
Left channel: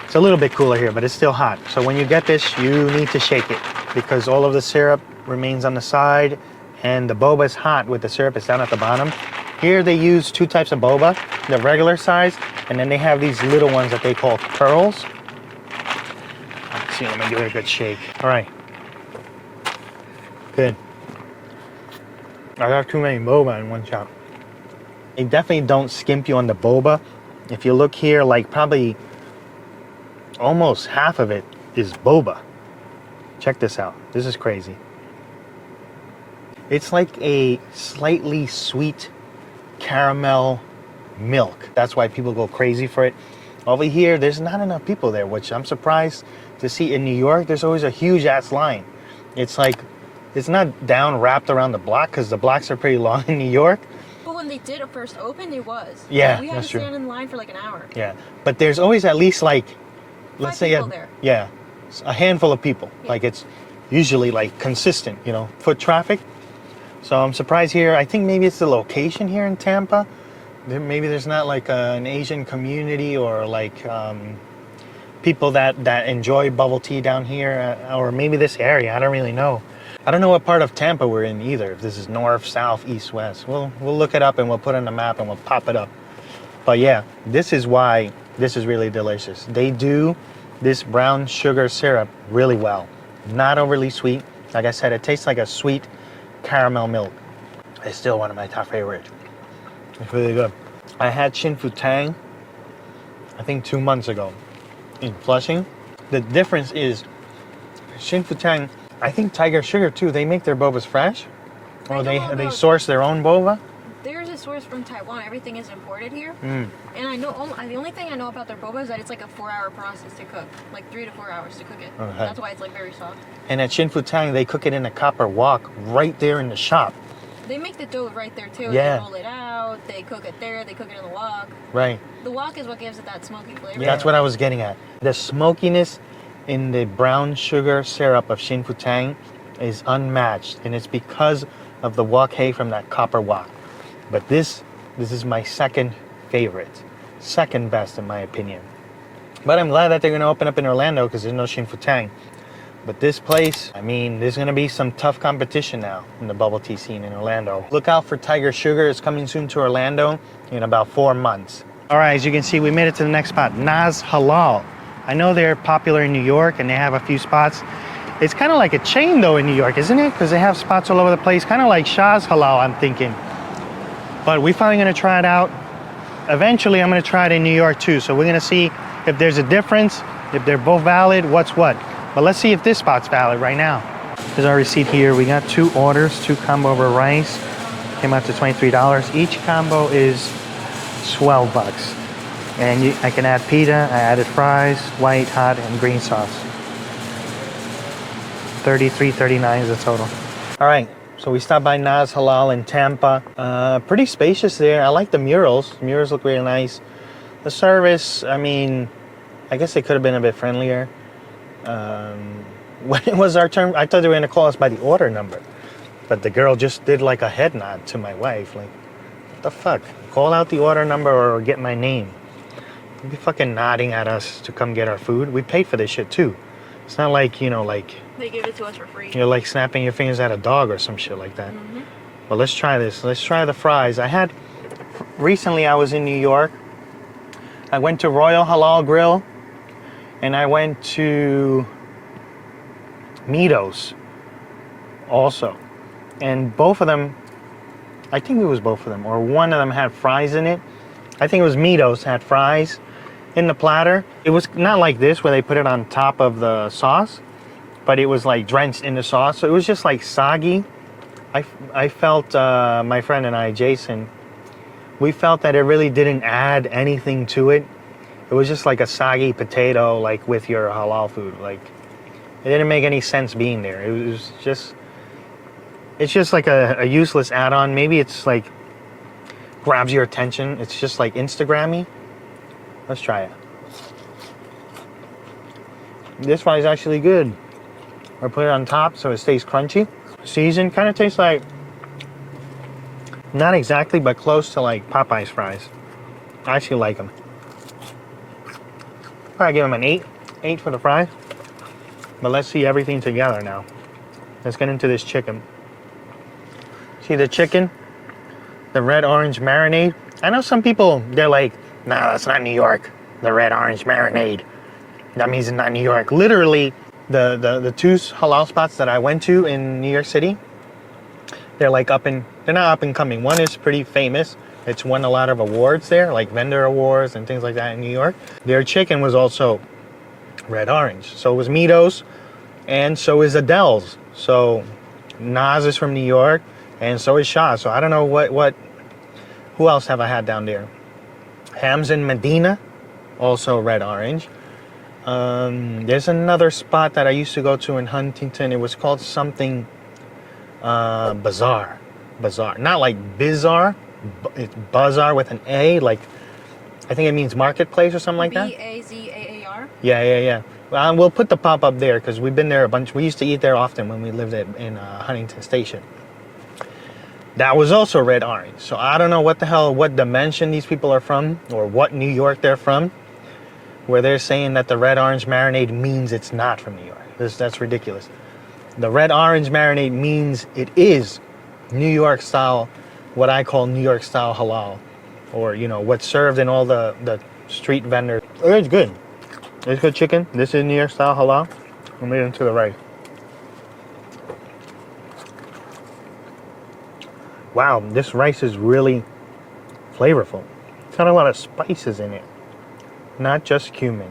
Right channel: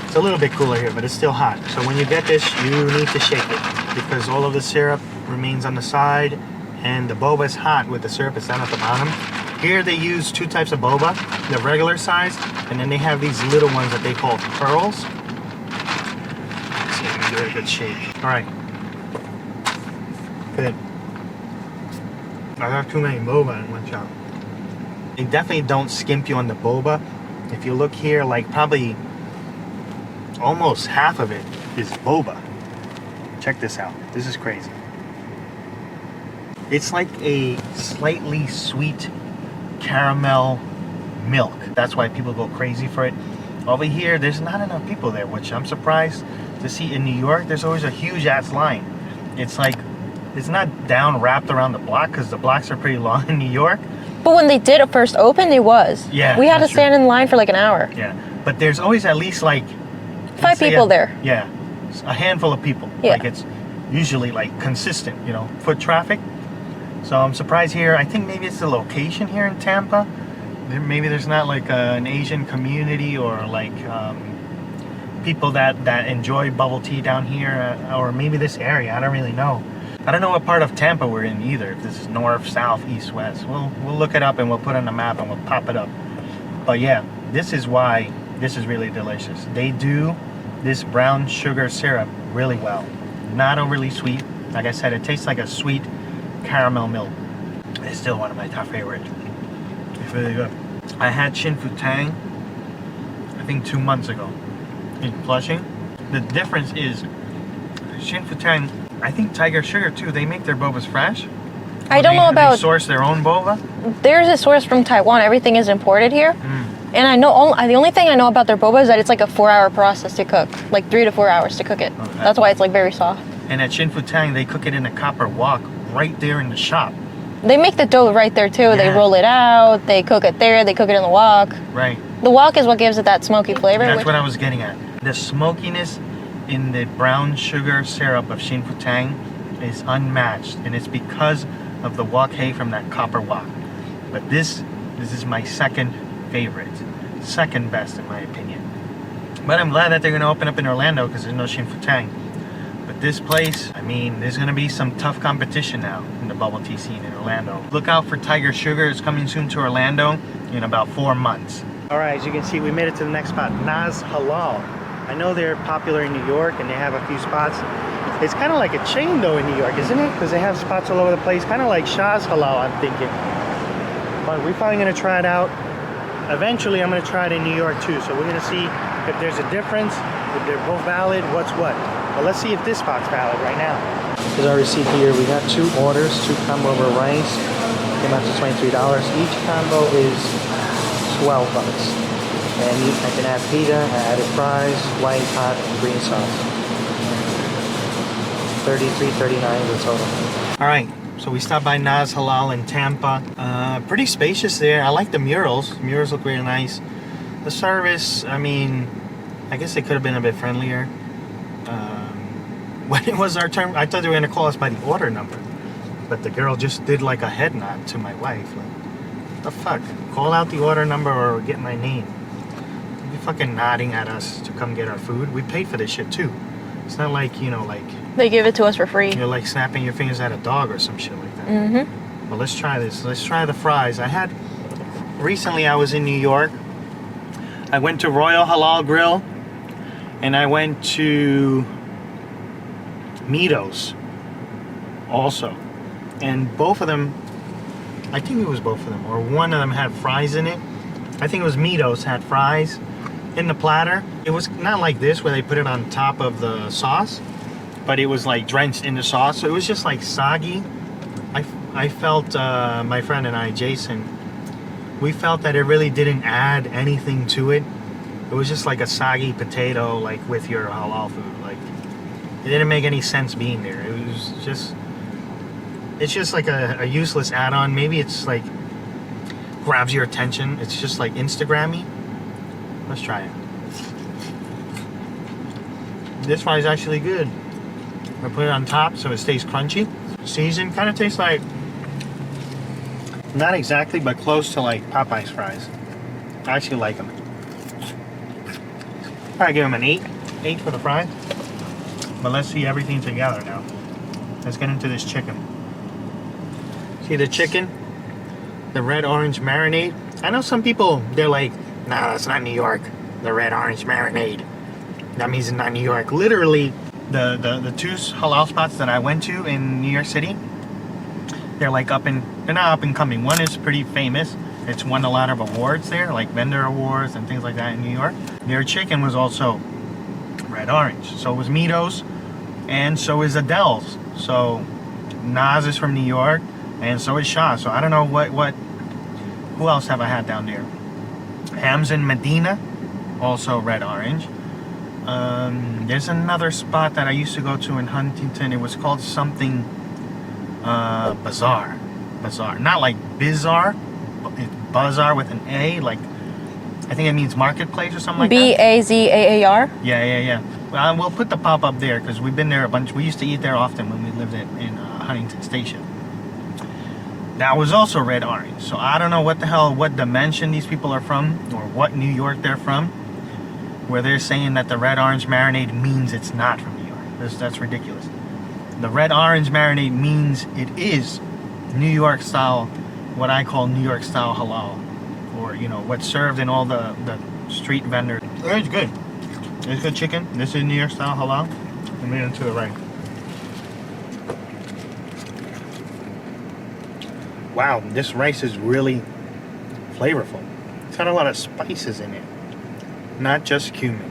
It's a little bit cooler here, but it's still hot. So when you get this, you need to shake it because all of the syrup remains on the side, and the boba is hot with the syrup. It's down at the bottom. Here they use two types of boba, the regular size, and then they have these little ones that they call pearls. Let's see, I'm gonna give it a good shake. All right. Good. I got too many boba in one shot. They definitely don't skimp you on the boba. If you look here, like probably almost half of it is boba. Check this out. This is crazy. It's like a slightly sweet caramel milk. That's why people go crazy for it. Over here, there's not enough people there, which I'm surprised to see. In New York, there's always a huge ass line. It's like, it's not down wrapped around the block because the blocks are pretty long in New York. But when they did it first open, it was. Yeah. We had to true. stand in line for like an hour. Yeah. But there's always at least like 5 people there. Yeah. A handful of people. Yeah. Like it's usually like consistent, you know, foot traffic. So I'm surprised here. I think maybe it's the location here in Tampa. Maybe there's not like an Asian community or like people that enjoy bubble tea down here, or maybe this area. I don't really know. I don't know what part of Tampa we're in either. If this is north, south, east, west. We'll look it up and we'll put it on the map and we'll pop it up. But yeah, this is why this is really delicious. They do this brown sugar syrup really well. Not overly sweet. Like I said, it tastes like a sweet caramel milk. It's still one of my top favorites. It's really good. I had Shrimp Tempura, I think 2 months ago in Flushing. The difference is Shrimp Tempura, I think Tiger Sugar too, they make their bobas fresh. I don't know about... They source their own boba? There's a source from Taiwan. Everything is imported here. And I know the only thing I know about their boba is that it's like a 4-hour process to cook. Like 3 to 4 hours to cook it. Okay. That's why it's like very soft. And at Shrimp Tempura, they cook it in a copper wok right there in the shop. They make the dough right there too. Yeah. They roll it out. They cook it there. They cook it in the wok. Right. The wok is what gives it that smoky flavor. That's what I was getting at. The smokiness in the brown sugar syrup of Shrimp Tempura is unmatched, and it's because of the wok hay from that copper wok. But this is my second favorite, second best in my opinion. But I'm glad that they're going to open up in Orlando because there's no Shrimp Tempura. But this place, I mean, there's going to be some tough competition now in the bubble tea scene in Orlando. Look out for Tiger Sugar. It's coming soon to Orlando in about 4 months. All right, as you can see, we made it to the next spot, Naz Halal. I know they're popular in New York and they have a few spots. It's kind of like a chain though in New York, isn't it? Because they have spots all over the place, kind of like Shah's Halal, I'm thinking. But we're finally going to try it out. Eventually, I'm going to try it in New York too. So we're going to see if there's a difference, if they're both valid, what's what. But let's see if this spot's valid right now. Here's our receipt here. We got 2 orders, 2 combo over rice. Came out to $23. Each combo is 12 bucks. And I can add pita, I added fries, white, hot, and green sauce. $33.39 is the total. All right, so we stopped by Naz Halal in Tampa. Pretty spacious there. I like the murals. The murals look really nice. The service, I mean, I guess it could have been a bit friendlier. When it was our turn, I thought they were going to call us by the order number. But the girl just did like a head nod to my wife. Like, what the fuck? Call out the order number or get my name. You're fucking nodding at us to come get our food. We paid for this shit too. It's not like, you know, like... They give it to us for free. You're like snapping your fingers at a dog or some shit like that. Well, let's try this. Let's try the fries. Recently I was in New York. I went to Royal Halal Grill. And I went to Mito's also. And both of them, I think it was both of them, or one of them had fries in it. I think it was Mito's had fries in the platter. It was not like this where they put it on top of the sauce, but it was like drenched in the sauce. So it was just like soggy. I felt my friend and I, Jason, we felt that it really didn't add anything to it. It was just like a soggy potato, like with your halal food. Like, it didn't make any sense being there. It was just, it's just like a useless add-on. Maybe it's like, grabs your attention. It's just like Instagram-y. Let's try it. This one is actually good. I put it on top so it stays crunchy. Seasoned, kind of tastes like, not exactly, but close to like Popeye's fries. I actually like them. I'll give them an 8. 8 for the fries. But let's see everything together now. Let's get into this chicken. See the chicken? The red orange marinade. I know some people, they're like, nah, that's not New York. The red orange marinade. That means it's not New York. Literally, the two halal spots that I went to in New York City, they're like they're not up and coming. One is pretty famous. It's won a lot of awards there, like vendor awards and things like that in New York. Their chicken was also red orange. So was Mito's, and so is Adele's. So Naz is from New York, and so is Shah. So I don't know who else have I had down there? Hams in Medina, also red orange. There's another spot that I used to go to in Huntington. It was called something Bazaar. Not like bizarre, it's Bazaar with an A. Like, I think it means marketplace or something like that. Bazaar? Yeah. Well, we'll put the pop-up there because we've been there a bunch. We used to eat there often when we lived in Huntington Station. That was also red orange. So I don't know what dimension these people are from or what New York they're from, where they're saying that the red orange marinade means it's not from New York. That's ridiculous. The red orange marinade means it is New York style, what I call New York style halal, or what's served in all the street vendors. It's good. It's good chicken. This is New York style halal. I'll make it into the right. Wow, this rice is really flavorful. It's got a lot of spices in it, not just cumin.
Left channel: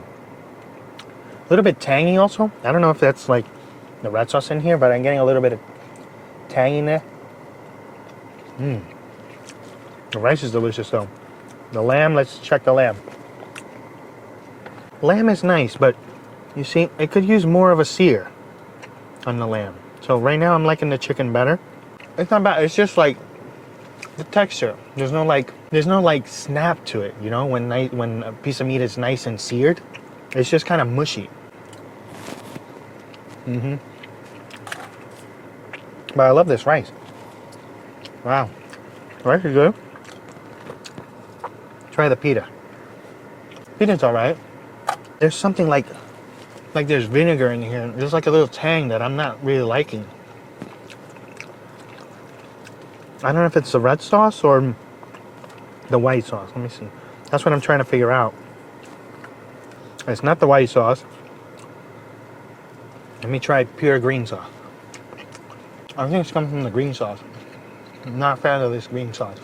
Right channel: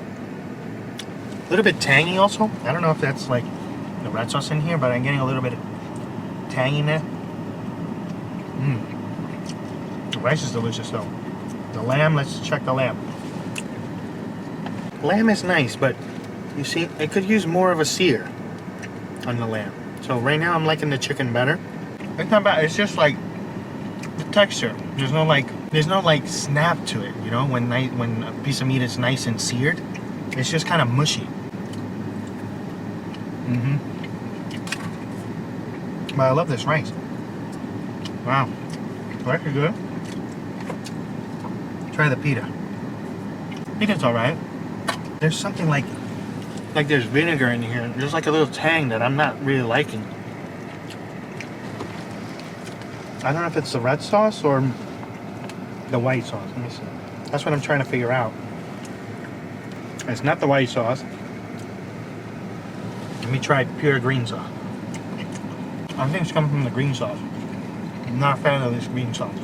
A little bit tangy also. I don't know if that's like the red sauce in here, but I'm getting a little bit of tang in there. The rice is delicious though. The lamb, let's check the lamb. Lamb is nice, but you see, it could use more of a sear on the lamb. So right now I'm liking the chicken better. It's not bad, it's just like the texture. There's no like snap to it, when a piece of meat is nice and seared. It's just kind of mushy. But I love this rice. Wow. The rice is good. Try the pita. Pita's alright. There's something like there's vinegar in here. There's like a little tang that I'm not really liking. I don't know if it's the red sauce or the white sauce. Let me see. That's what I'm trying to figure out. It's not the white sauce. Let me try pure green sauce. I think it's coming from the green sauce. I'm not a fan of this green sauce.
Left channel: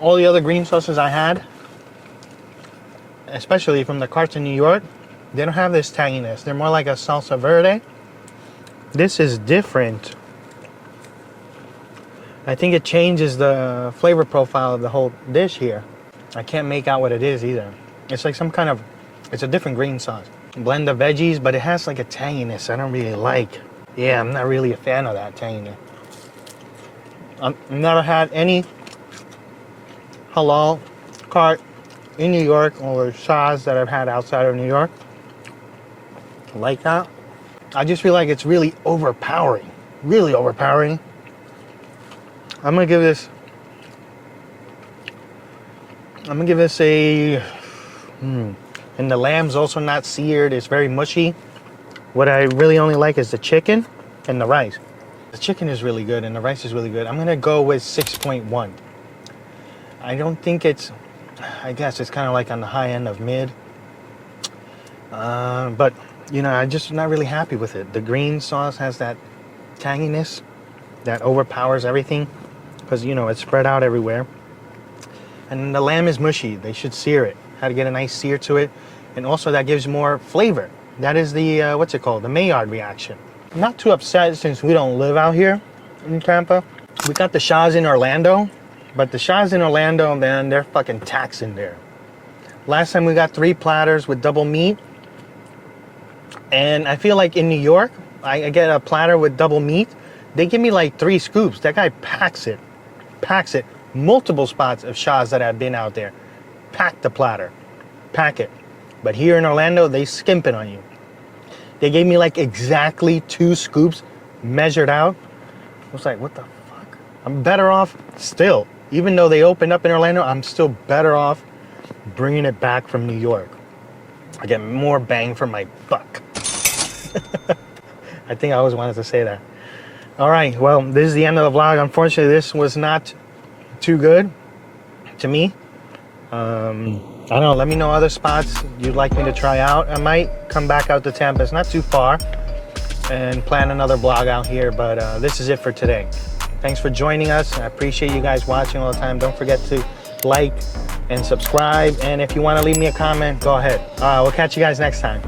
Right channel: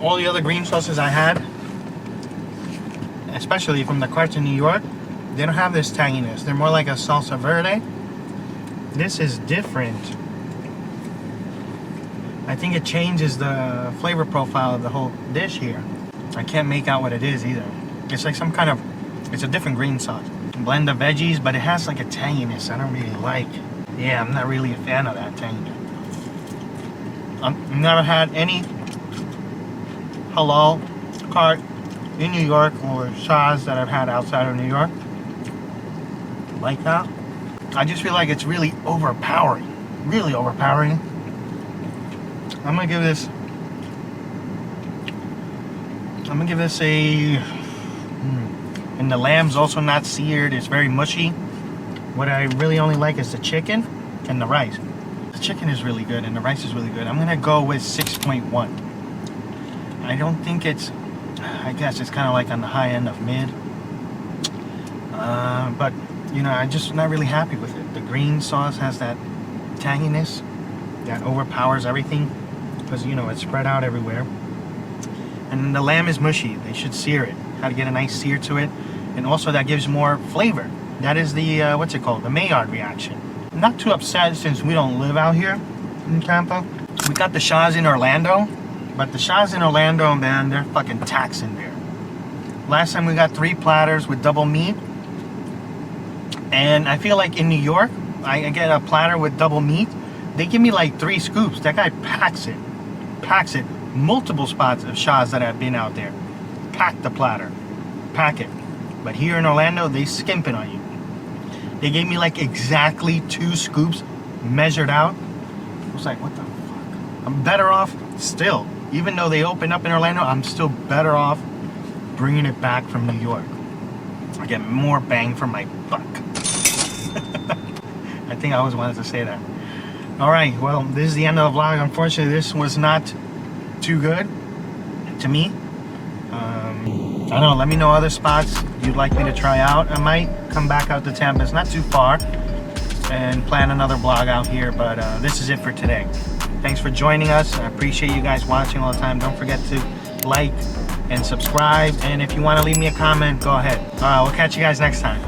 All the other green sauces I had, especially from the carts in New York, they don't have this tanginess. They're more like a salsa verde. This is different. I think it changes the flavor profile of the whole dish here. I can't make out what it is either. It's like some kind of, it's a different green sauce. Blend of veggies, but it has like a tanginess I don't really like. Yeah, I'm not really a fan of that tanginess. I've never had any halal cart in New York or Shah's that I've had outside of New York like that. I just feel like it's really overpowering. Really overpowering. I'm gonna give this a and the lamb's also not seared. It's very mushy. What I really only like is the chicken and the rice. The chicken is really good and the rice is really good. I'm gonna go with 6.1. I don't think it's, I guess it's kind of like on the high end of mid. But I'm just not really happy with it. The green sauce has that tanginess that overpowers everything because it's spread out everywhere. And the lamb is mushy. They should sear it. How to get a nice sear to it, and also that gives more flavor. That is the what's it called? The Maillard reaction. I'm not too upset since we don't live out here in Tampa. We got the Shah's in Orlando, But the Shahs in Orlando, man, they're fucking taxing there. Last time we got 3 platters with double meat. And I feel like in New York, I get a platter with double meat. They give me like 3 scoops. That guy packs it. Packs it. Multiple spots of Shahs that I've been out there. Pack the platter. Pack it. But here in Orlando, they skimp it on you. They gave me like exactly 2 scoops measured out. I was like, what the fuck? I'm better off still. Even though they opened up in Orlando, I'm still better off bringing it back from New York. I get more bang for my buck. I think I always wanted to say that. All right, well, this is the end of the vlog. Unfortunately, this was not too good to me. I don't know, let me know other spots you'd like me to try out. I might come back out to Tampa. It's not too far. And plan another vlog out here, but this is it for today. Thanks for joining us. I appreciate you guys watching all the time. Don't forget to like and subscribe. And if you want to leave me a comment, go ahead. We'll catch you guys next time.